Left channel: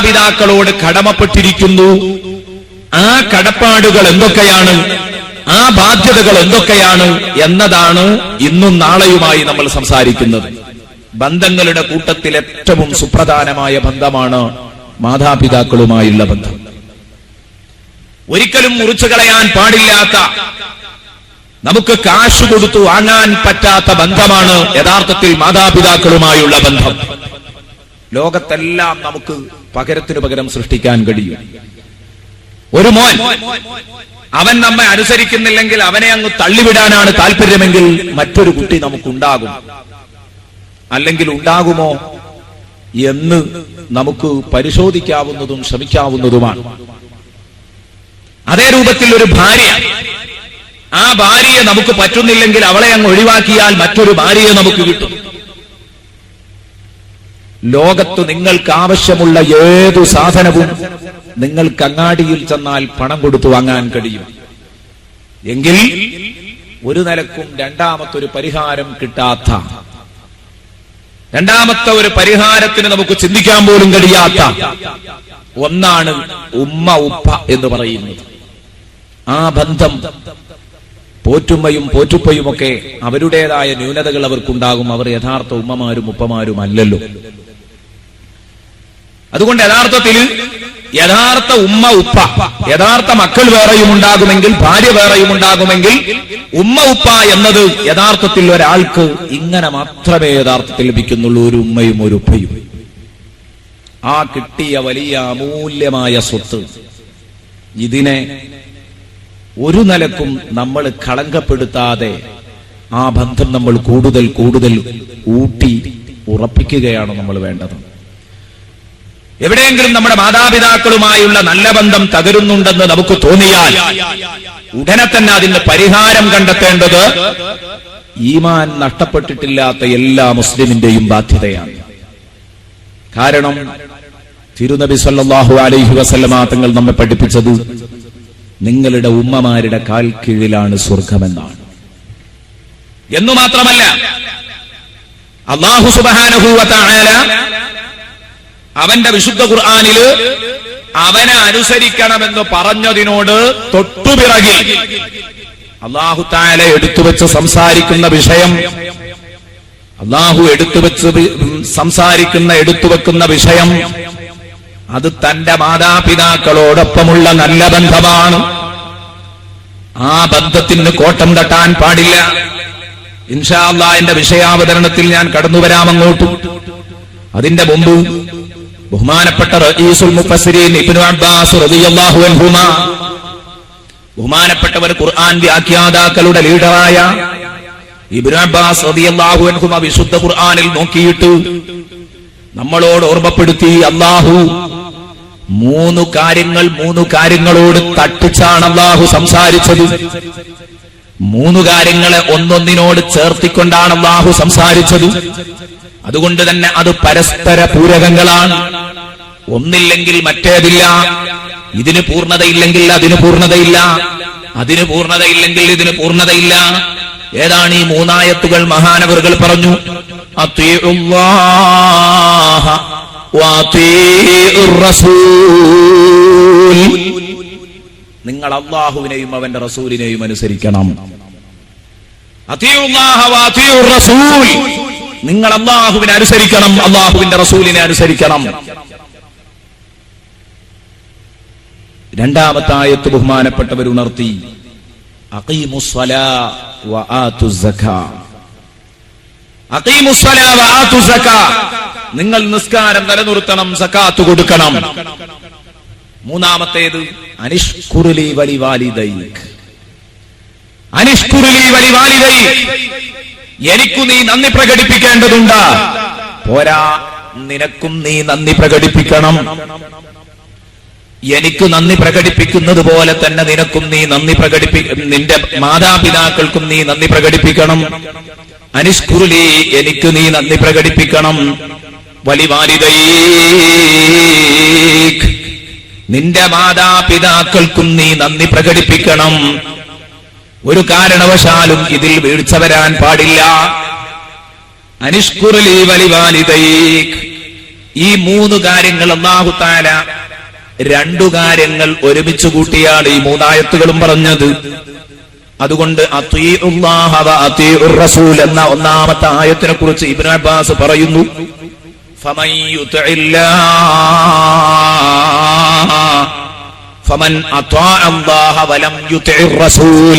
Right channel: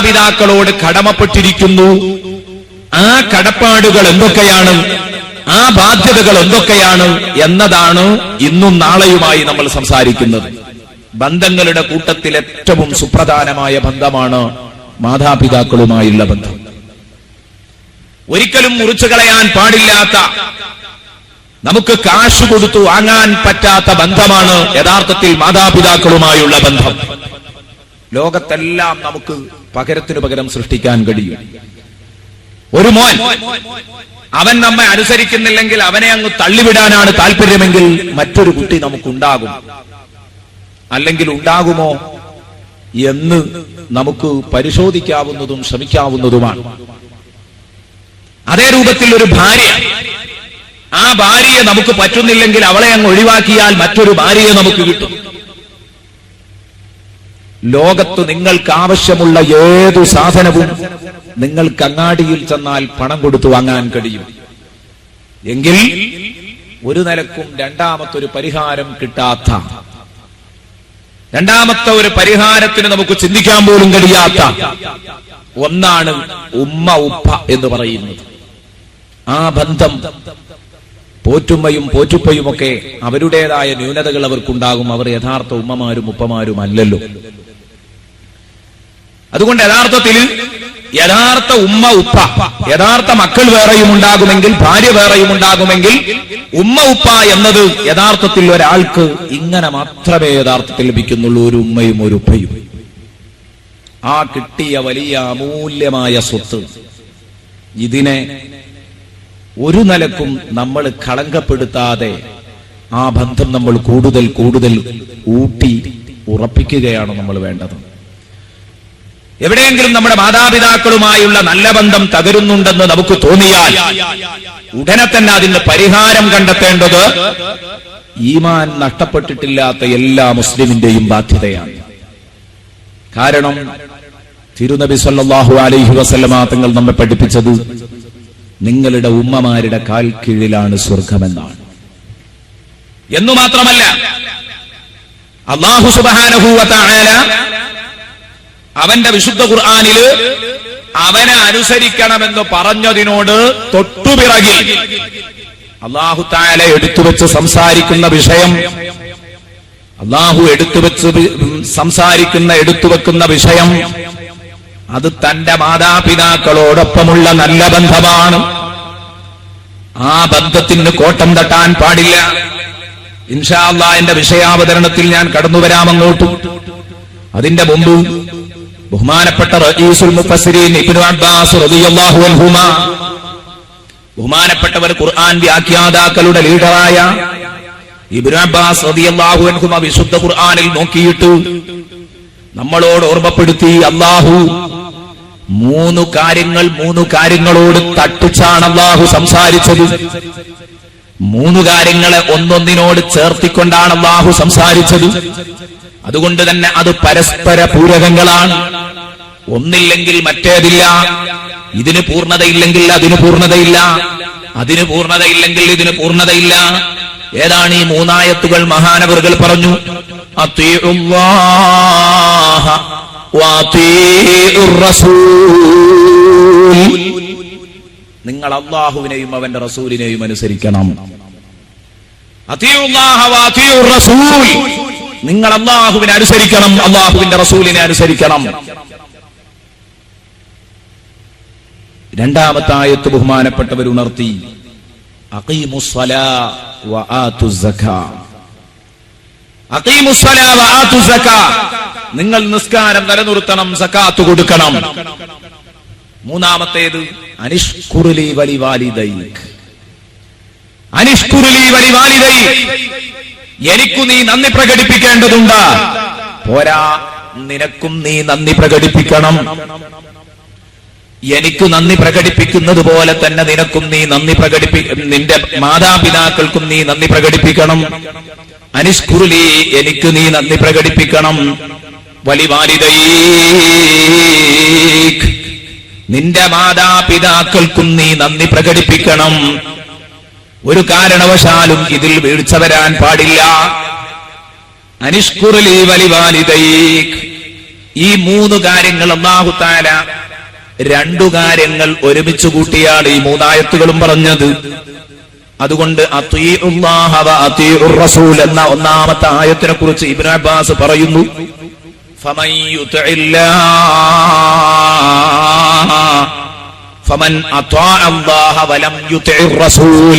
മാതാപിതാക്കളോട് കടമപ്പെട്ടിരിക്കുന്നു. ആ കടപ്പാടുകൾ എന്തൊക്കെയാണ്, ആ ബാധ്യതകൾ എന്തൊക്കെയാണ് എന്നതാണ് ഇന്നും നാളെയുമായി നമ്മൾ സംസാരിക്കുന്നത്. ബന്ധങ്ങളുടെ കൂട്ടത്തിൽ ഏറ്റവും സുപ്രധാനമായ ബന്ധമാണ് മാതാപിതാക്കളുമായുള്ള ബന്ധം. ഒരിക്കലും മുറിച്ചു കളയാൻ പാടില്ലാത്ത, നമുക്ക് കാശ് കൊടുത്തു വാങ്ങാൻ പറ്റാത്ത ബന്ധമാണ് യഥാർത്ഥത്തിൽ മാതാപിതാക്കളുമായുള്ള ബന്ധം. ലോകത്തെല്ലാം നമുക്ക് പകരത്തിനു പകരം സൃഷ്ടിക്കാൻ കഴിയും. ഒരു മോൻ, അവൻ നമ്മെ അനുസരിക്കുന്നില്ലെങ്കിൽ അവനെ അങ്ങ് തള്ളിവിടാനാണ് താല്പര്യമെങ്കിൽ മറ്റൊരു കുട്ടി നമുക്കുണ്ടാകും. അല്ലെങ്കിൽ ഉണ്ടാകുമോ എന്ന് നമുക്ക് പരിശോധിക്കാവുന്നതും ശ്രമിക്കാവുന്നതുമാണ്. അതേ രൂപത്തിൽ ഒരു ഭാര്യ, ആ ഭാര്യയെ നമുക്ക് പറ്റുന്നില്ലെങ്കിൽ അവളെ അങ്ങ് ഒഴിവാക്കിയാൽ മറ്റൊരു ഭാര്യയെ നമുക്ക് കിട്ടും. ലോകത്ത് നിങ്ങൾക്ക് ആവശ്യമുള്ള ഏതു സാധനവും നിങ്ങൾക്ക് അങ്ങാടിയിൽ ചെന്നാൽ പണം കൊടുത്തു വാങ്ങാൻ കഴിയും. എങ്കിൽ ഒരു നിലക്കും രണ്ടാമത്തെ പരിഹാരം കിട്ടാത്ത, രണ്ടാമത്തെ ഒരു പരിഹാരത്തിന് നമുക്ക് ചിന്തിക്കാൻ പോലും കഴിയാത്ത ഒന്നാണ് ഉമ്മ ഉപ്പ എന്ന് പറയുന്നത്. ആ ബന്ധം, പോറ്റുമ്മയും പോറ്റുപ്പയുമൊക്കെ അവരുടേതായ ന്യൂനതകൾ അവർക്കുണ്ടാകും. അവർ യഥാർത്ഥ ഉമ്മമാരും ഉപ്പമാരും അല്ലല്ലോ. അതുകൊണ്ട് യഥാർത്ഥ ഉമ്മ ഉപ്പ, യഥാർത്ഥ മക്കൾ വേറെയും ഉണ്ടാകുമെങ്കിൽ, ഭാര്യ വേറെയും ഉണ്ടാകുമെങ്കിൽ, ഉമ്മ ഉപ്പ എന്നത് യഥാർത്ഥത്തിൽ ഒരാൾക്ക് ഇങ്ങനെ മാത്രമേ യഥാർത്ഥത്തിൽ ലഭിക്കുന്നുള്ളൂ, ഒരു ഉമ്മയും ഒരു ഉപ്പയും. ആ കിട്ടിയ വലിയ അമൂല്യമായ സ്വത്ത്, ഇതിനെ ഒരു നിലക്കും നമ്മൾ കളങ്കപ്പെടുത്താതെ ആ ബന്ധം നമ്മൾ കൂടുതൽ കൂടുതൽ ഊട്ടി ഉറപ്പിക്കുകയാണ് നമ്മൾ വേണ്ടത്. എവിടെയെങ്കിലും നമ്മുടെ മാതാപിതാക്കളുമായുള്ള നല്ല ബന്ധം തകരുന്നുണ്ടെന്ന് നമുക്ക് തോന്നിയാൽ ഉടനെ തന്നെ അതിന് പരിഹാരം കണ്ടെത്തേണ്ടത് ഈമാൻ നഷ്ടപ്പെട്ടിട്ടില്ലാത്ത എല്ലാ മുസ്ലിമിന്റെയും ബാധ്യതയാണ്. കാരണം തിരുനബി സല്ലല്ലാഹു അലൈഹി വസല്ലമ തങ്ങൾ നമ്മെ പഠിപ്പിച്ചത് നിങ്ങളുടെ ഉമ്മമാരുടെ കാൽ കീഴിലാണ് സ്വർഗമെന്നാണ്. എന്നു മാത്രമല്ല, അല്ലാഹു സുബ്ഹാനഹു വ തആല അവന്റെ വിശുദ്ധ ഖുർആനില് അവനെ അനുസരിക്കണമെന്ന് പറഞ്ഞതിനോട് തൊട്ടുപിറകിൽ അല്ലാഹു തആല എടുത്തുവെച്ച് സംസാരിക്കുന്ന വിഷയം, അല്ലാഹു എടുത്തുവെക്കുന്ന വിഷയം അത് തന്റെ മാതാപിതാക്കളോടൊപ്പമുള്ള നല്ല ബന്ധമാണ്. ആ ബന്ധത്തിന് കോട്ടം തട്ടാൻ പാടില്ല. ഇൻഷാ അല്ലാഹ് എന്റെ വിഷയാവതരണത്തിൽ ഞാൻ കടന്നുവരാം അങ്ങോട്ട്. അതിന്റെ മുമ്പ് ബഹുമാനപ്പെട്ട റഈസുൽ മുഫസ്സിരീൻ ഇബ്നു അബ്ബാസ് റളിയല്ലാഹു അൻഹുമാ, ബഹുമാനപ്പെട്ടവർ ഖുർആൻ വ്യാഖ്യാതാക്കളുടെ ലീഡറായ ഇബ്നു അബ്ബാസ് റളിയല്ലാഹു അൻഹുമാ വിശുദ്ധ ഖുർആനിൽ നോക്കിയിട്ട് നമ്മളോട് ഓർമ്മപ്പെടുത്തി, അല്ലാഹു മൂന്ന് കാര്യങ്ങളോട് തട്ടിച്ചാണ് അല്ലാഹു സംസാരിച്ചത്. മൂന്ന് കാര്യങ്ങളെ ഒന്നൊന്നിനോട് ചേർത്തിക്കൊണ്ടാണ് അല്ലാഹു സംസാരിച്ചത്. അതുകൊണ്ട് തന്നെ അത് പരസ്പര പൂരകങ്ങളാണ്. ഒന്നില്ലെങ്കിൽ മറ്റേതില്ല. ഇതിന് പൂർണ്ണതയില്ലെങ്കിൽ അതിന് പൂർണ്ണതയില്ല, അതിന് പൂർണ്ണതയില്ലെങ്കിൽ ഇതിന് പൂർണ്ണതയില്ല. ഏതാണ് ഈ മൂന്നായത്തുകൾ? മഹാനവറുകൾ പറഞ്ഞു, അത്വീഉല്ലാഹ വഅത്വീഉർ റസൂൽ. നിങ്ങൾ അല്ലാഹുവിനെയും അവന്റെ റസൂലിനെയും അനുസരിക്കണം. അത്വീഉല്ലാഹ വഅത്വീഉർ റസൂൽ. നിങ്ങൾ അല്ലാഹുവിനെ അനുസരിക്കണം, അല്ലാഹുവിന്റെ റസൂലിനെ അനുസരിക്കണം. രണ്ടാമത്തെ ആയത്ത് ബഹുമാനപ്പെട്ടവർ ഉണർത്തി, അഖീമുസ്സലാ വആതുസ്സകാ. അഖീമുസ്സലാ വആതുസ്സകാ, നിങ്ങൾ നിസ്കാരം നിലനിർത്തണം, സകാത്ത് കൊടുക്കണം. മൂന്നാമത്തേത് അനിഷ്കുറുലി വലിവാലിദൈക്. അനിഷ്കുറുലി വലിവാലിദൈക്, എനിക്കു നീ നന്ദി പ്രകടിപ്പിക്കേണ്ടതുണ്ട്. പോരാ, നിനക്കും നീ നന്ദി പ്രകടിപ്പിക്കണം. എനിക്ക് നന്ദി പ്രകടിപ്പിക്കുന്നത് പോലെ തന്നെ നിനക്കും നീ നന്ദി നിന്റെ മാതാപിതാക്കൾക്കും നീ നന്ദി പ്രകടിപ്പിക്കണം. അനിഷ്കുറുലി, എനിക്ക് നീ നന്ദി പ്രകടിപ്പിക്കണം. വലിവാലിദൈക്, നിന്റെ മാതാപിതാക്കൾക്കും നീ നന്ദി പ്രകടിപ്പിക്കണം. ഒരു കാരണവശാലും ഇതിൽ വീഴ്ച വരാൻ പാടില്ല. അനിഷ്കുറുലി വലിവാലിദൈക്. ഈ 3 കാര്യങ്ങൾ അല്ലാഹു തആല 2 കാര്യങ്ങൾ ഒരുമിച്ച് കൂട്ടിയാണ് ഈ 3 ആയത്തുകളും പറഞ്ഞത്. അതുകൊണ്ട് അത്വീഉല്ലാഹ വ അത്വീഉർ റസൂൽ എന്ന ഒന്നാമത്തെ ആയത്തിനെ കുറിച്ച് ഇബ്നു അബ്ബാസ് പറയുന്നു, ഫമൻ അത്വഅ അല്ലാഹ വലം യുതിഇർ റസൂൽ,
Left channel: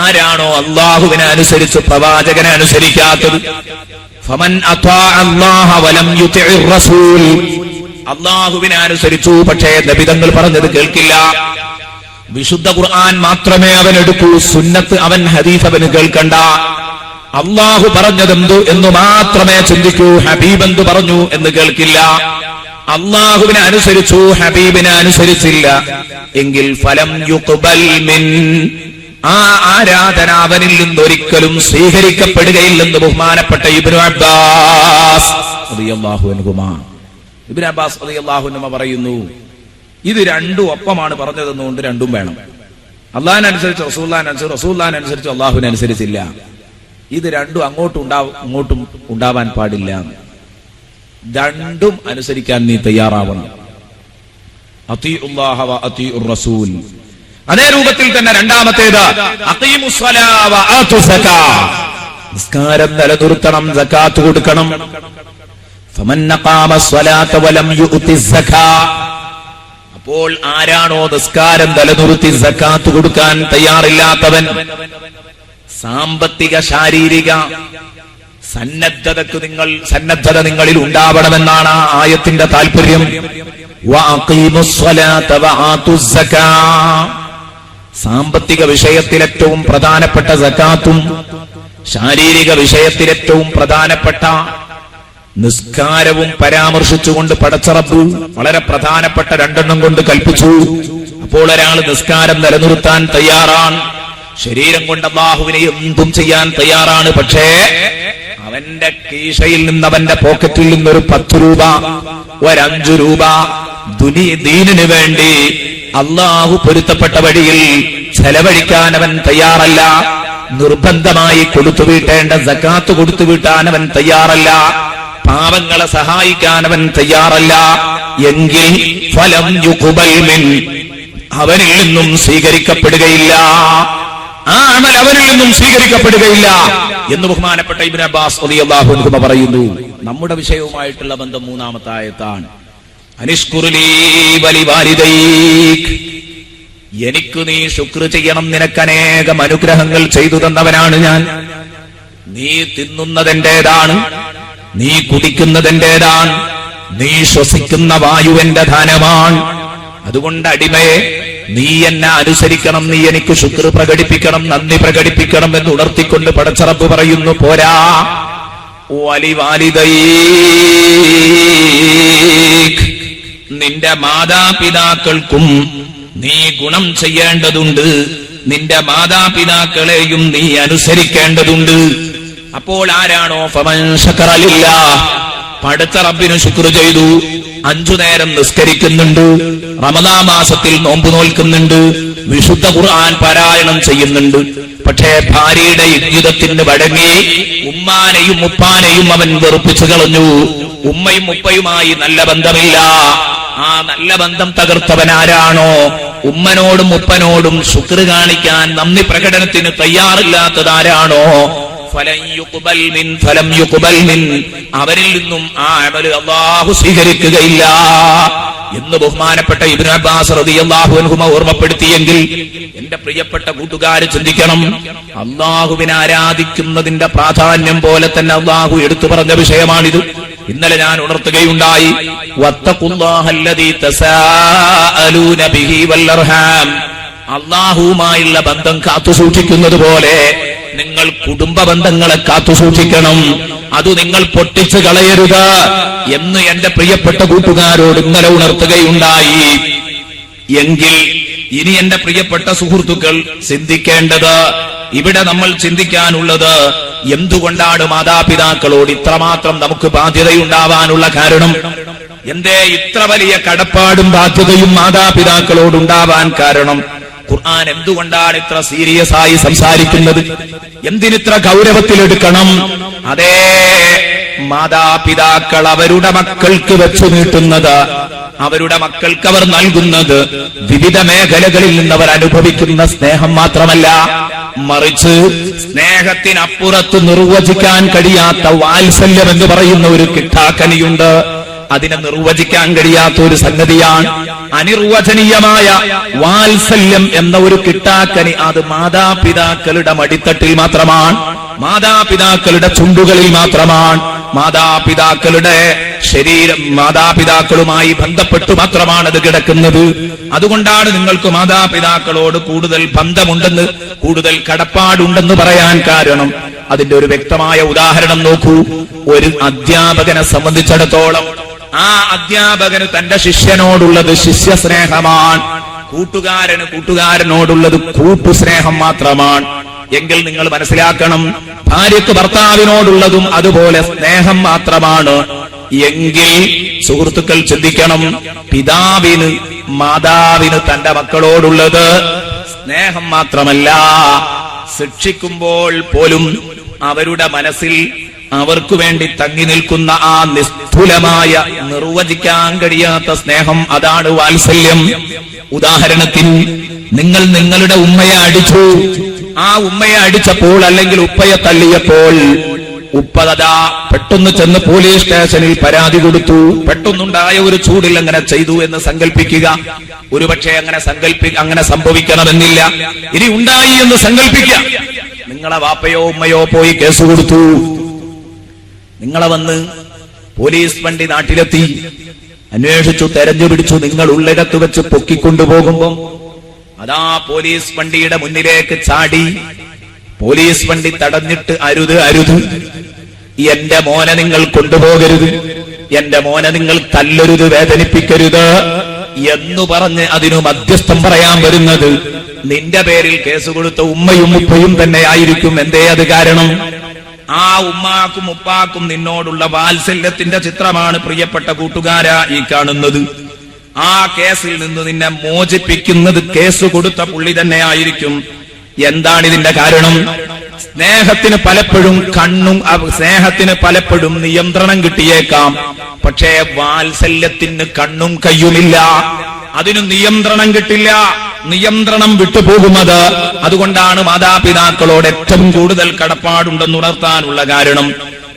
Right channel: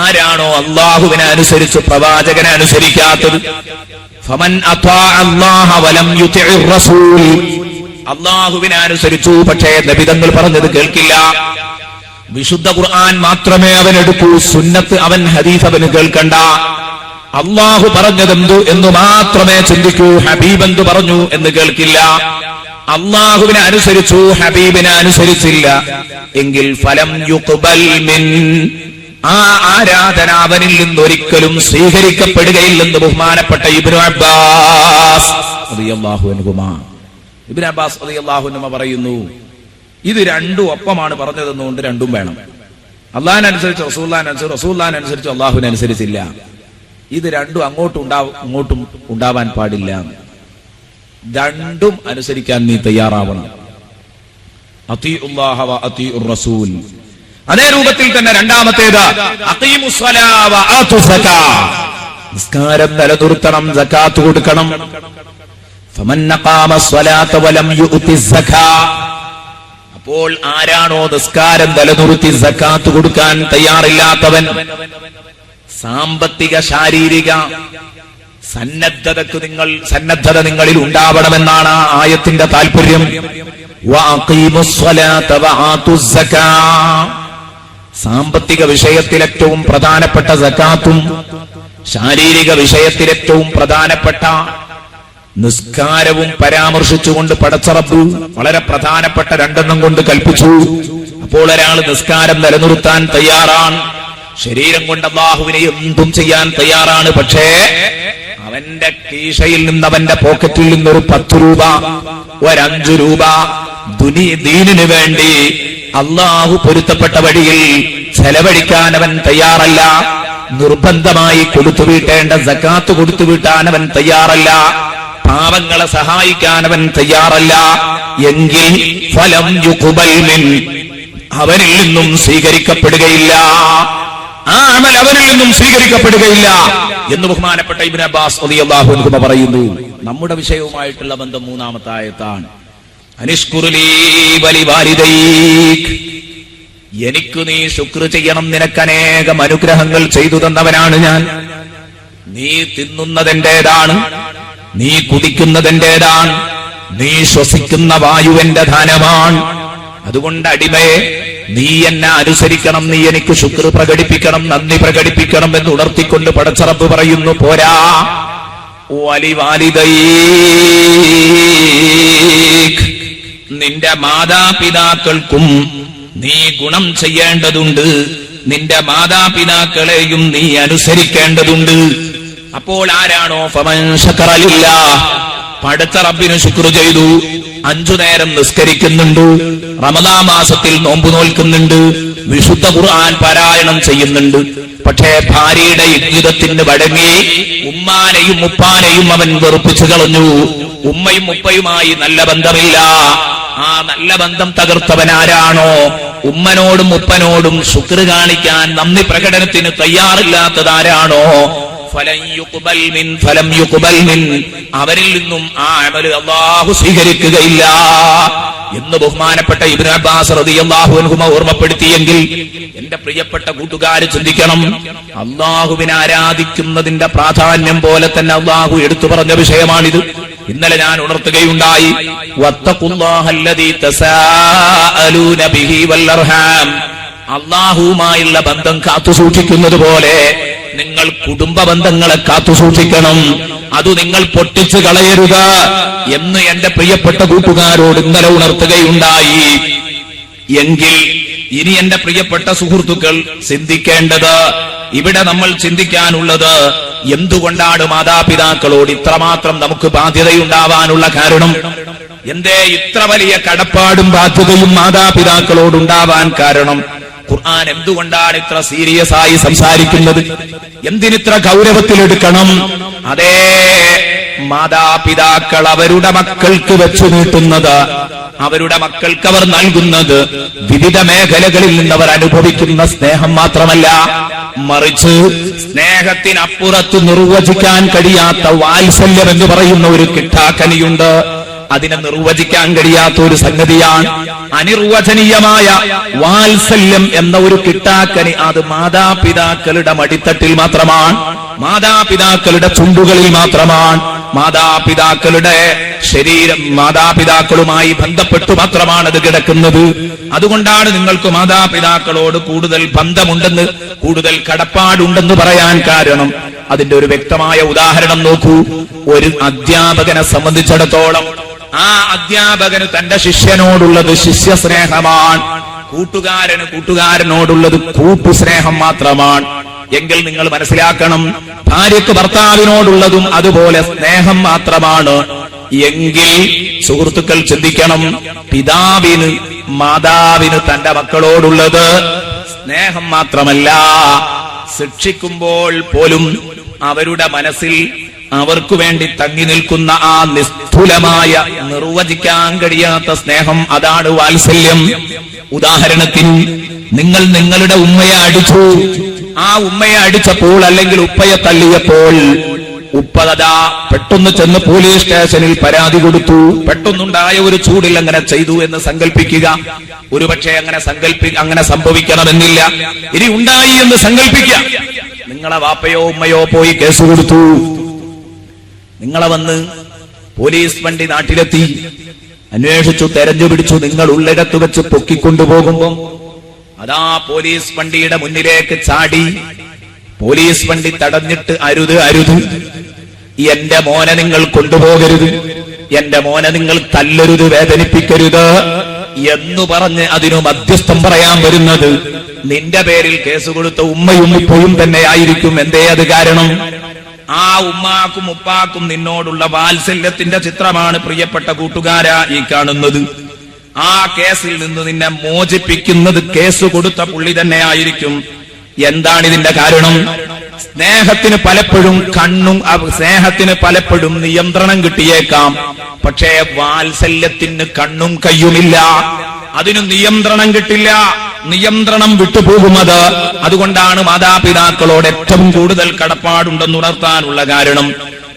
ആരാണോ അല്ലാഹുവിനെ അനുസരിച്ച് പ്രവാചകനെ അനുസരിക്കാത്തത്, ഫമൻ അത്വഅ അല്ലാഹ വലം യുതിഇർ റസൂൽ, അല്ലാഹുവിനെ അനുസരിച്ചു പക്ഷേ നബിതങ്ങൾ പറഞ്ഞത് കേൾക്കില്ല, വിശുദ്ധ ഖുർആൻ മാത്രമേ അവൻ എടുക്കൂ, സുന്നത്ത് അവൻ ഹദീസ് അവന് കേൾക്കണ്ട, അല്ലാഹു പറഞ്ഞതെന്തു എന്ന് മാത്രമേ ചിന്തിക്കൂ, ഹബീബ് എന്തു പറഞ്ഞു എന്ന് കേൾക്കില്ല, അല്ലാഹുവിനെ അനുസരിച്ചു ഹബീബിനെ അനുസരിച്ചില്ല എങ്കിൽ ഫലം യുഖ്ബൽ മിൻ, ആ ആരാധന അവനിൽ നിന്നൊരിക്കലും സ്വീകരിക്കപ്പെടുകയില്ലെന്ന് ബഹുമാനപ്പെട്ട ഇബ്നു അബ്ബാസ് റളിയല്ലാഹു അൻഹുമാ. ഇബ്നു അബ്ബാസ് റളിയല്ലാഹു അൻഹുമാ പറയുന്നു, ഇത് രണ്ടും ഒപ്പമാണ് പറഞ്ഞതെന്നുകൊണ്ട് രണ്ടും വേണം. അള്ളാഹിനെ അനുസരിച്ച് റസൂലുള്ളാഹിനെ അനുസരിച്ച്, റസൂലുള്ളാഹിനെ അനുസരിച്ച് അള്ളാഹുവിനെ അനുസരിച്ചില്ല. ഇത് രണ്ടും അങ്ങോട്ടും ഉണ്ടാവാൻ പാടില്ല. രണ്ടും അനുസരിക്കാൻ നീ തയ്യാറാവണം. അത്തീഉല്ലാഹ വ അത്തീഉർ റസൂൽ. അതേ രൂപത്തിൽ തന്നെ രണ്ടാമത്തേത് അഖീമുസ്സലാ വ ആതുസ് സക്കാ, നിസ്കാരം നിലനിർത്തണം, സകാത്ത് കൊടുക്കണം. ഫമൻ അഖാമസ് സ്വലാത്ത വലം യുഅ്തിസ് സക്കാ, അപ്പോൾ ആരാണോ നിസ്കാരം നിലനിർത്തി സകാത്ത് കൊടുക്കാൻ തയ്യാറില്ലാത്തവൻ, സാമ്പത്തിക ശാരീരിക സന്നദ്ധത നിങ്ങളിൽ ഉണ്ടാവണമെന്നാണ് ആ ആയത്തിന്റെ താല്പര്യം. വഅഖീമുസ് സ്വലാത്ത വആതുസ് സക്കാ, സാമ്പത്തിക വിഷയത്തിൽ ഏറ്റവും പ്രധാനപ്പെട്ട സകാത്തും ശാരീരിക വിഷയത്തിൽ ഏറ്റവും പ്രധാനപ്പെട്ട നിസ്കാരവും പരാമർശിച്ചുകൊണ്ട് പടച്ച റബ്ബ് വളരെ പ്രധാനപ്പെട്ട 2 കൊണ്ട് കൽപ്പിച്ചു. അപ്പോൾ ഒരാൾ നിസ്കാരം നിലനിർത്താൻ തയ്യാറാണ്, ശരീരം കൊണ്ട് അല്ലാഹുവിനെ എന്തും ചെയ്യാൻ തയ്യാറാണ്. പക്ഷേ അവന്റെ കീശയിൽ നിന്ന്, അവന്റെ പോക്കറ്റിൽ നിന്നൊരു 10 രൂപ, ഒരു 5 രൂപ ദീനിന് വേണ്ടി അല്ലാഹു പൊരുത്തപ്പെട്ട വഴിയിൽ ചെലവഴിക്കാൻ അവൻ തയ്യാറല്ല. നിർബന്ധമായി കൊടുത്തുവീട്ടേണ്ട സകാത്ത് കൊടുത്തുവീട്ടാൻ അവൻ തയ്യാറല്ല. പാവങ്ങളെ സഹായിക്കാൻ അവൻ തയ്യാറല്ല എങ്കിൽ ഫലം യുഖ്ബൽ മിൻ, അവനിൽ നിന്നും സ്വീകരിക്കപ്പെടുകയില്ല, ആ അമൽ അവനിൽ നിന്നും സ്വീകരിക്കപ്പെടുകയില്ല എന്ന് ബഹുമാനപ്പെട്ട ഇബ്നു അബ്ബാസ് റളിയല്ലാഹു അൻഹു പറയുന്നു. നമ്മുടെ വിഷയവുമായിട്ടുള്ള ബന്ധം 3-ാമത്തെ ആയത്താണ്. അനിഷ്കുറുലീ വലിവാലിദൈക്, എനിക്ക് നീ ശുക്ർ ചെയ്യണം, നിനക്ക് അനേകം അനുഗ്രഹങ്ങൾ ചെയ്തു തന്നവനാണ് ഞാൻ. നീ തിന്നുന്നതെന്റേതാണ്, നീ കുടിക്കുന്നതെന്റേതാണ്, നീ ശ്വസിക്കുന്ന വായുവിന്റെ ധനമാണ്. അതുകൊണ്ട് അടിമയെ നീ എന്നെ അനുസരിക്കണം, നീ എനിക്ക് ശുക്ർ പ്രകടിപ്പിക്കണം, നന്ദി പ്രകടിപ്പിക്കണം എന്ന് ഉണർത്തിക്കൊണ്ട് പടച്ച റബ്ബ് പറയുന്നു. പോരാ, വലിവാലിദൈക്, നിന്റെ മാതാപിതാക്കൾക്കും നീ ഗുണം ചെയ്യേണ്ടതുണ്ട്, നിന്റെ മാതാപിതാക്കളെയും നീ അനുസരിക്കേണ്ടതുണ്ട്. അപ്പോൾ ആരാണോ ഫമൻ ശക്കറ ലില്ലാഹ്, പടച്ച റബ്ബിന് ശുക്ർ ചെയ്തു, 5 നേരം നിസ്കരിക്കുന്നുണ്ട്, റമദാൻ മാസത്തിൽ നോമ്പ് നോൽക്കുന്നുണ്ട്, വിശുദ്ധ ഖുർആൻ പാരായണം ചെയ്യുന്നുണ്ട്, പക്ഷേ ഭാര്യയുടെ ഇദ്യുതത്തിന് വഴങ്ങി ഉമ്മാനെയും ഉപ്പാനെയും അവൻ വെറുപ്പിച്ചു കളഞ്ഞു. ഉമ്മയും ഉപ്പയുമായി നല്ല ബന്ധമില്ല. ആ നല്ല ബന്ധം തകർത്തവനാരാണോ, ഉമ്മനോടും ഉപ്പനോടും ശുക്ർ കാണിക്കാൻ നന്ദി പ്രകടനത്തിന് തയ്യാറില്ലാത്തതാരാണോ, ഫലം യുഖ്ബൽ മിൻ, അവരിൽ നിന്നും ആ അമൽ അല്ലാഹു സ്വീകരിക്കുകയില്ല എന്ന് ബഹുമാനപ്പെട്ട ഇബ്നു അബ്ബാസ് റളിയല്ലാഹു അൻഹു ഓർമ്മപ്പെടുത്തിയെങ്കിൽ എന്റെ പ്രിയപ്പെട്ട കൂട്ടുകാര് ചിന്തിക്കണം. അല്ലാഹുവിനെ ആരാധിക്കുന്നതിന്റെ പ്രാധാന്യം പോലെ തന്നെ അല്ലാഹു എടുത്തു പറഞ്ഞ വിഷയമാണിത്. ഇന്നലെ ഞാൻ ഉണർത്തുകയുണ്ടായി, വത്തഖുല്ലാഹല്ലദീ തസാഅലൂന ബിഹി വൽ അർഹാം, അല്ലാഹുവുമായുള്ള ബന്ധം കാത്തുസൂക്ഷിക്കുന്നത് പോലെ നിങ്ങൾ കുടുംബ ബന്ധങ്ങളെ കാത്തുസൂക്ഷിക്കണം, അത് നിങ്ങൾ പൊട്ടിച്ചു കളയരുത് എന്ന് എന്റെ പ്രിയപ്പെട്ട കൂട്ടുകാരോട് ഇന്നലെ ഉണർത്തുകയുണ്ടായി. എങ്കിൽ ഇനി എന്റെ പ്രിയപ്പെട്ട സുഹൃത്തുക്കൾ ചിന്തിക്കേണ്ടത്, ഇവിടെ നമ്മൾ ചിന്തിക്കാനുള്ളത്, എന്തുകൊണ്ടാണ് മാതാപിതാക്കളോട് ഇത്രമാത്രം നമുക്ക് ബാധ്യതയുണ്ടാവാനുള്ള കാരണം? എന്തേ ഇത്ര വലിയ കടപ്പാടും ബാധ്യതയും മാതാപിതാക്കളോടുണ്ടാവാൻ കാരണം? ഖുർആൻ എന്തുകൊണ്ടാണ് ഇത്ര സീരിയസ് ആയി സംസാരിക്കുന്നത്? എന്തിനിത്ര ഗൗരവത്തിലെടുക്കണം? അതേ മാതാപിതാക്കൾ അവരുടെ മക്കൾക്ക് വെച്ചു നീട്ടുന്നത്, അവരുടെ മക്കൾക്ക് അവർ നൽകുന്നത് വിവിധ മേഖലകളിൽ നിന്ന് അവർ അനുഭവിക്കുന്ന സ്നേഹം മാത്രമല്ല, മറിച്ച് സ്നേഹത്തിനപ്പുറത്ത് നിർവചിക്കാൻ കഴിയാത്ത വാത്സല്യം എന്ന് പറയുന്ന ഒരു കിട്ടാക്കനിയുണ്ട്. അതിനെ നിർവചിക്കാൻ കഴിയാത്ത ഒരു സംഗതിയാണ് അനിർവചനീയമായ വാത്സല്യം എന്ന ഒരു കിട്ടാക്കനി. അത് മാതാപിതാക്കളുടെ മടിത്തട്ടിൽ മാത്രമാണ്, മാതാപിതാക്കളുടെ ചുണ്ടുകളിൽ മാത്രമാണ്, മാതാപിതാക്കളുടെ ശരീരം, മാതാപിതാക്കളുമായി ബന്ധപ്പെട്ടു മാത്രമാണ് അത് കിടക്കുന്നത്. അതുകൊണ്ടാണ് നിങ്ങൾക്ക് മാതാപിതാക്കളോട് കൂടുതൽ ബന്ധമുണ്ടെന്ന്, കൂടുതൽ കടപ്പാടുണ്ടെന്ന് പറയാൻ കാരണം. അതിന്റെ ഒരു വ്യക്തമായ ഉദാഹരണം നോക്കൂ. ഒരു അധ്യാപകനെ സംബന്ധിച്ചിടത്തോളം ആ അധ്യാപകന് തന്റെ ശിഷ്യനോടുള്ളത് ശിഷ്യസ്നേഹമാണ്, കൂട്ടുകാരനോടുള്ളത് കൂട്ടുസ്നേഹം മാത്രമാണ്. എങ്കിൽ നിങ്ങൾ മനസ്സിലാക്കണം, ഭാര്യയ്ക്ക് ഭർത്താവിനോടുള്ളതും അതുപോലെ സ്നേഹം മാത്രമാണ്. എങ്കിൽ സുഹൃത്തുക്കൾ ചിന്തിക്കണം, പിതാവിന് മാതാവിന് തന്റെ മക്കളോടുള്ളത് സ്നേഹം മാത്രമല്ല, ശിക്ഷിക്കുമ്പോൾ പോലും അവരുടെ മനസ്സിൽ അവർക്ക് വേണ്ടി തങ്ങി നിൽക്കുന്ന ആ നിസ്തുലമായ നിർവചിക്കാൻ കഴിയാത്ത സ്നേഹം, അതാണ് വാത്സല്യം. ഉദാഹരണത്തിന്, നിങ്ങൾ നിങ്ങളുടെ ഉമ്മയെ അടിച്ചു. ആ ഉമ്മയെ അടിച്ചപ്പോൾ അല്ലെങ്കിൽ ഉപ്പയെ തള്ളിയപ്പോൾ ഉപ്പതാ പെട്ടെന്ന് ചെന്ന് പോലീസ് സ്റ്റേഷനിൽ പരാതി കൊടുത്തു. പെട്ടെന്നുണ്ടായ ഒരു ചൂടിൽ അങ്ങനെ ചെയ്തു എന്ന് സങ്കല്പിക്കുക. ഒരുപക്ഷെ അങ്ങനെ സംഭവിക്കണമെന്നില്ല. ഇനി ഉണ്ടായി എന്ന് സങ്കല്പിക്കുക. നിങ്ങളെ വാപ്പയോ ഉമ്മയോ പോയി കേസ് കൊടുത്തു. നിങ്ങളെ വന്ന് പോലീസ് വണ്ടി നാട്ടിലെത്തി, അന്വേഷിച്ചു, തെരഞ്ഞു പിടിച്ചു. നിങ്ങൾ ഉള്ളിടത്ത് വെച്ച് പൊക്കിക്കൊണ്ടുപോകുമ്പോ അതാ പോലീസ് വണ്ടിയുടെ മുന്നിലേക്ക് ചാടി. പോലീസ് വണ്ടി തടഞ്ഞിട്ട്, അരുത് അരുത്, എന്റെ മോനെ നിങ്ങൾ കൊണ്ടുപോകരുത്, എന്റെ മോനെ നിങ്ങൾ തല്ലരുത്, വേദനിപ്പിക്കരുത് എന്നു പറഞ്ഞ് അതിനു മധ്യസ്ഥം പറയാൻ വരുന്നത് നിന്റെ പേരിൽ കേസ് കൊടുത്ത ഉമ്മയും ഉപ്പയും തന്നെ ആയിരിക്കും. എന്തേ അത് കാരണം? ആ ഉമ്മാക്കും ഉപ്പാക്കും നിന്നോടുള്ള വാത്സല്യത്തിന്റെ ചിത്രമാണ് പ്രിയപ്പെട്ട കൂട്ടുകാരാ ഈ കാണുന്നത്. ആ കേസിൽ നിന്ന് നിന്നെ മോചിപ്പിക്കുന്നത് കേസ് കൊടുത്ത പുള്ളി തന്നെ ആയിരിക്കും. എന്താണ് ഇതിന്റെ കാരണം? സ്നേഹത്തിന് പലപ്പോഴും നിയന്ത്രണം കിട്ടിയേക്കാം. പക്ഷേ വാത്സല്യത്തിന് കണ്ണും കയ്യുമില്ല, അതിന് നിയന്ത്രണം കിട്ടില്ല, നിയന്ത്രണം വിട്ടുപോകുന്നത്. അതുകൊണ്ടാണ് മാതാപിതാക്കളോട് ഏറ്റവും കൂടുതൽ കടപ്പാടുണ്ടെന്ന് ഉണർത്താനുള്ള കാരണം.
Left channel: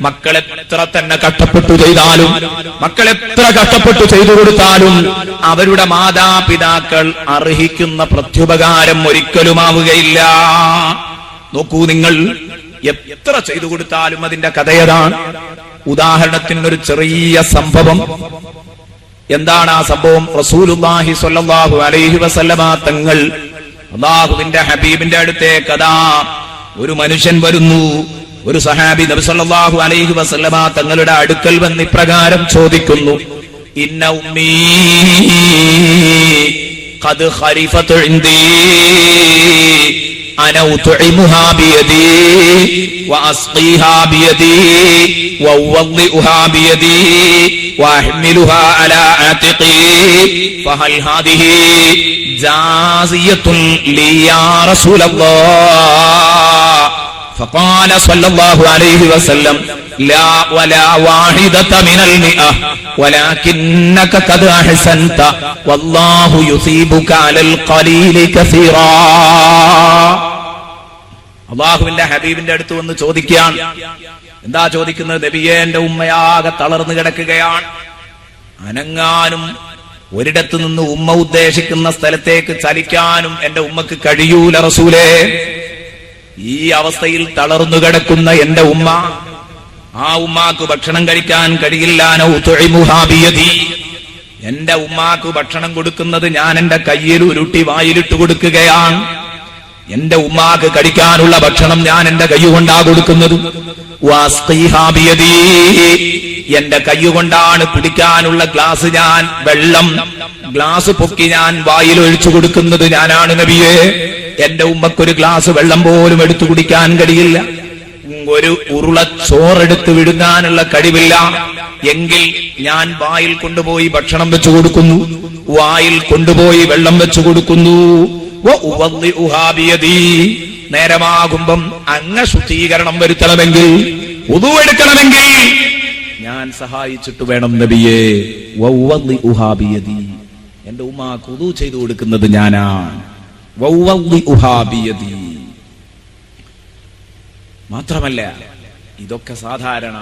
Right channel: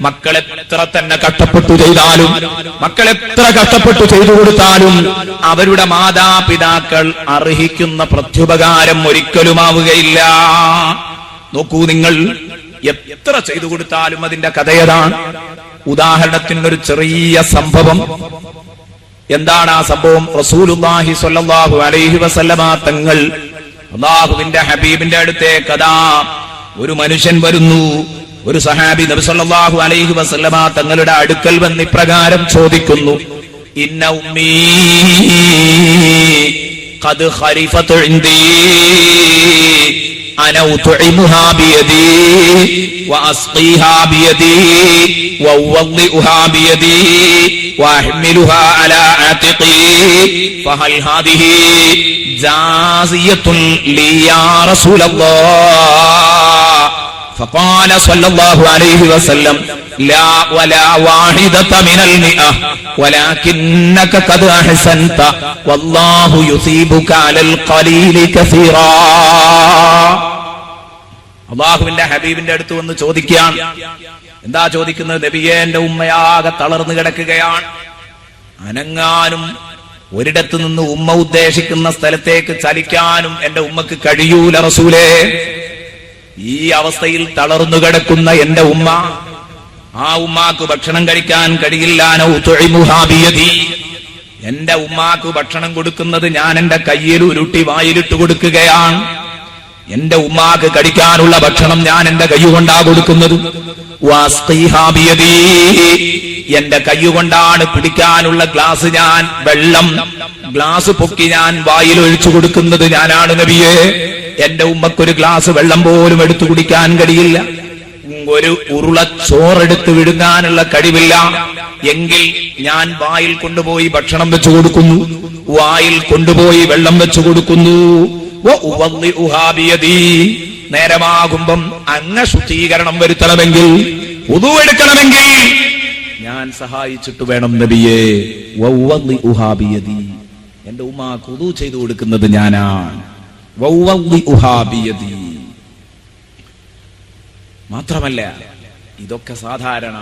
മക്കളെത്ര തന്നെ കഷ്ടപ്പെട്ടു ചെയ്താലും, മക്കളെത്ര കഷ്ടപ്പെട്ടു ചെയ്തു കൊടുത്താലും അവരുടെ മാതാപിതാക്കൾ അർഹിക്കുന്ന പ്രത്യുപകാരം ഒരിക്കലുമാവുകയില്ല. നോക്കൂ, നിങ്ങൾ എത്ര ചെയ്തു കൊടുത്താലും അതിന്റെ കഥയതാണ്. ഉദാഹരണത്തിനൊരു ചെറിയ സംഭവം. എന്താണ് ആ സംഭവം? റസൂലുള്ളാഹി സ്വല്ലല്ലാഹു അലൈഹി വസല്ലമ തങ്ങൾ, അല്ലാഹുവിന്റെ ഹബീബിന്റെ അടുത്തേക്ക് അതാ ഒരു മനുഷ്യൻ വരുന്നു. ഒരു സഹാബി നബി സല്ലല്ലാഹു അലൈഹി വസല്ലമ തങ്ങളുടെ അടുക്കൽ വന്ന് ഇപ്രകാരം ചോദിക്കുന്നു: ഇന്ന ഉമ്മീ ഖദ് ഖരിഫതു ഇൻദീ അന ഉത്ഇമുഹാ ബിയദീ വഅസ്ഖീഹാ ബിയദീ വഉവദ്ദിഉഹാ ബിയദീ വഅഹ്മിലുഹാ അലാ ആതിഖീ ഫഹൽ ഹാദിഹി ജാസിയത്തുൻ ലി യാ റസൂലല്ലാഹ് فقال صلى الله عليه وسلم لا ولا واحدة من المئة ولكنك قد أحسنت والله يثيبك على القليل كثيرا. അല്ലാഹുവിന്റെ ഹബീബിന്റെ അടുത്ത് വന്ന് ചോദിക്കുകയാണ്. എന്താ ചോദിക്കുന്നത്? നബിയേ, എന്റെ ഉമ്മയാകെ തളർന്നു കിടക്കുകയാണ്, അനങ്ങാനും ഒരിടത്ത് നിന്ന് ഉമ്മ ഉദ്ദേശിക്കുന്ന സ്ഥലത്തേക്ക് ചലിക്കാനും എന്റെ ഉമ്മക്ക് കഴിയൂല റസൂലേ. ഈ അവസ്ഥയിൽ തളർന്നു കിടക്കുന്ന എന്റെ ഉമ്മ, ആ ഉമ്മാക്ക് ഭക്ഷണം കഴിക്കാൻ കഴിയില്ല. എന്റെ ഉമ്മാക്ക് ഭക്ഷണം കൊടുക്കുന്നത് ഞാൻ എന്റെ കയ്യിൽ ഉരുട്ടി വായിലിട്ട് കൊടുക്കുകയാണ്. എന്റെ ഉമ്മാക്ക് കഴിക്കാനുള്ള ഭക്ഷണം ഞാൻ എന്റെ കൈ കൊണ്ടാ കൊടുക്കുന്നത്. എന്റെ കൈ കൊണ്ടാണ് പിടിക്കാനുള്ള ഗ്ലാസ്, ഞാൻ വെള്ളം ഗ്ലാസ് പൊക്കി ഞാൻ വായിൽ ഒഴിച്ചു കൊടുക്കുന്നത് ഞാനാണ് നബിയേ. എന്റെ ഉമ്മക്കൊരു ഗ്ലാസ് വെള്ളം പോലും എടുത്തു കുടിക്കാൻ കഴിയില്ല, ഒരു ഉരുള ചോറെടുത്ത് വിഴുങ്ങാനുള്ള കഴിവില്ല. എങ്കിൽ ഞാൻ വായിൽ കൊണ്ടുപോയി ഭക്ഷണം വെച്ചു കൊടുക്കുന്നു, വായിൽ കൊണ്ടുപോയി വെള്ളം വെച്ചു കൊടുക്കുന്നു. നേരമാകുമ്പം അങ്ങ് ശുദ്ധീകരണം വരുത്തണമെങ്കിൽ, വുദു എടുക്കണമെങ്കിൽ ഞാൻ സഹായിച്ചിട്ട് വേണം നബിയേ വൗവദ്ദിഉഹാ ബിയദി, എന്റെ ഉമ്മാക്ക് വുദൂ ചെയ്തു കൊടുക്കുന്നത് ഞാനാണ്. വൗവദ്ദിഉഹാ ബിയദി. മാത്രമല്ല ഇതൊക്കെ സാധാരണ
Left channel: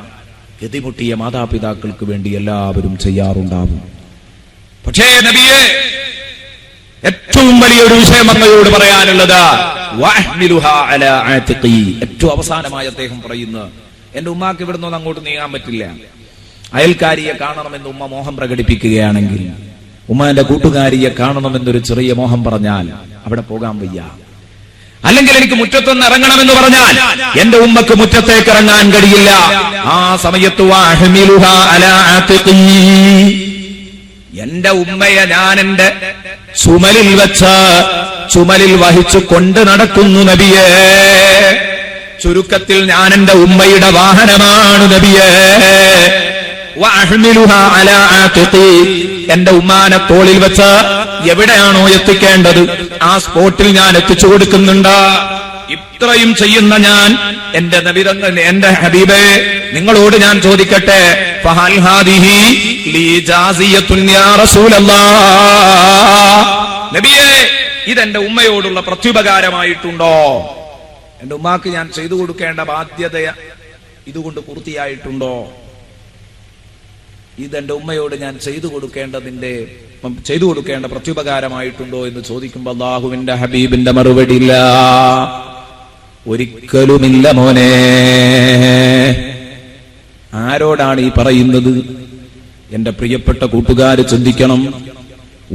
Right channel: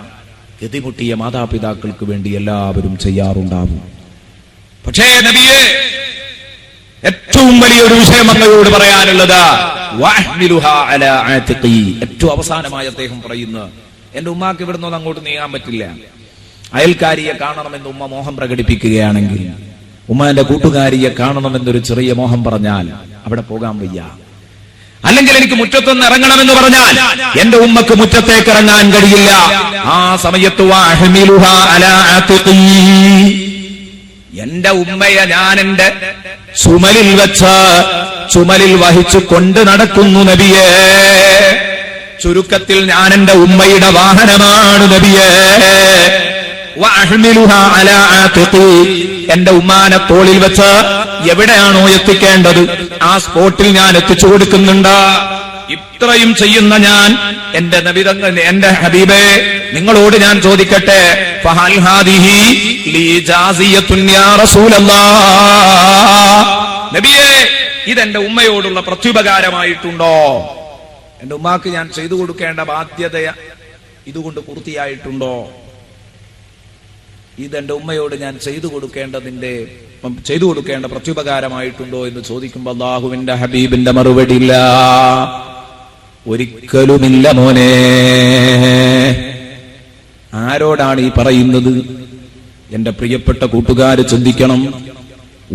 ഗതിമുട്ടിയ മാതാപിതാക്കൾക്ക് വേണ്ടി എല്ലാവരും ചെയ്യാറുണ്ടാവും. പക്ഷേ നബിയെ ഏറ്റവും വലിയൊരു വിഷയം അങ്ങയോട് പറയാനുള്ളത് വഅഹ്മിലുഹാ അലാ ആതിഖി. ഏറ്റവും അവസാനമായി അദ്ദേഹം പറയുന്നു, എന്റെ ഉമ്മാക്ക് ഇവിടുന്ന് അങ്ങോട്ട് നീങ്ങാൻ പറ്റില്ല. അയൽക്കാരിയെ കാണണമെന്ന് ഉമ്മ മോഹം പ്രകടിപ്പിക്കുകയാണെങ്കിൽ, ഉമ്മാന്റെ കൂട്ടുകാരിയെ കാണണമെന്നൊരു ചെറിയ മോഹം പറഞ്ഞാൽ അവിടെ പോകാൻ വയ്യ. അല്ലെങ്കിൽ എനിക്ക് മുറ്റത്തൊന്ന് ഇറങ്ങണമെന്ന് പറഞ്ഞാൽ എന്റെ ഉമ്മക്ക് മുറ്റത്തേക്ക് ഇറങ്ങാൻ കഴിയില്ല. ആ സമയത്ത് വഅഹ്മിലുഹാ അലാ ആതിഖി, എന്റെ ഉമ്മയെ ഞാൻ എന്റെ ചുമലിൽ വെച്ച് ചുമലിൽ വഹിച്ചു കൊണ്ട് നടക്കുന്നു നബിയേ. ചുരുക്കത്തിൽ ഞാൻ എന്റെ ഉമ്മയുടെ വാഹനമാണ് നബിയേ. വഅഹ്മിലുഹാ അലാ ആതിഖി, എന്റെ ഉമ്മാനെ തോളിൽ വെച്ച് എവിടെയാണോ എത്തിക്കേണ്ടത് ആ സ്പോട്ടിൽ ഞാൻ എത്തിച്ചു കൊടുക്കുന്നുണ്ട്. ഇത്രയും ചെയ്യുന്ന ഞാൻ എന്റെ നബിതങ്ങൾ, എന്റെ ഹബീബേ, നിങ്ങളോട് ഞാൻ ചോദിക്കട്ടെ, ഫഹൽ ഹാദിഹി ലീ ജാസിയത്തുൻ യാ റസൂലല്ലാഹ്, നബിയേ ഇതെന്റെ ഉമ്മയോടുള്ള പ്രത്യുപകാരമായിട്ടുണ്ടോ? എന്റെ ഉമ്മാക്ക് ഞാൻ ചെയ്തു കൊടുക്കേണ്ട ബാധ്യത ഇതുകൊണ്ട് പൂർത്തിയായിട്ടുണ്ടോ? ഇതെന്റെ ഉമ്മയോട് ഞാൻ ചെയ്തു കൊടുക്കേണ്ട പ്രത്യുപകാരമായിട്ടുണ്ടോ എന്ന് ചോദിക്കുമ്പോൾ അല്ലാഹുവിന്റെ ഹബീബിന്റെ മറുപടി ഇല്ല, ഒരിക്കലുമില്ല മോനെ. ആരോടാണ് ഈ പറയുന്നത്? എന്റെ പ്രിയപ്പെട്ട കൂട്ടുകാര് ചിന്തിക്കണം.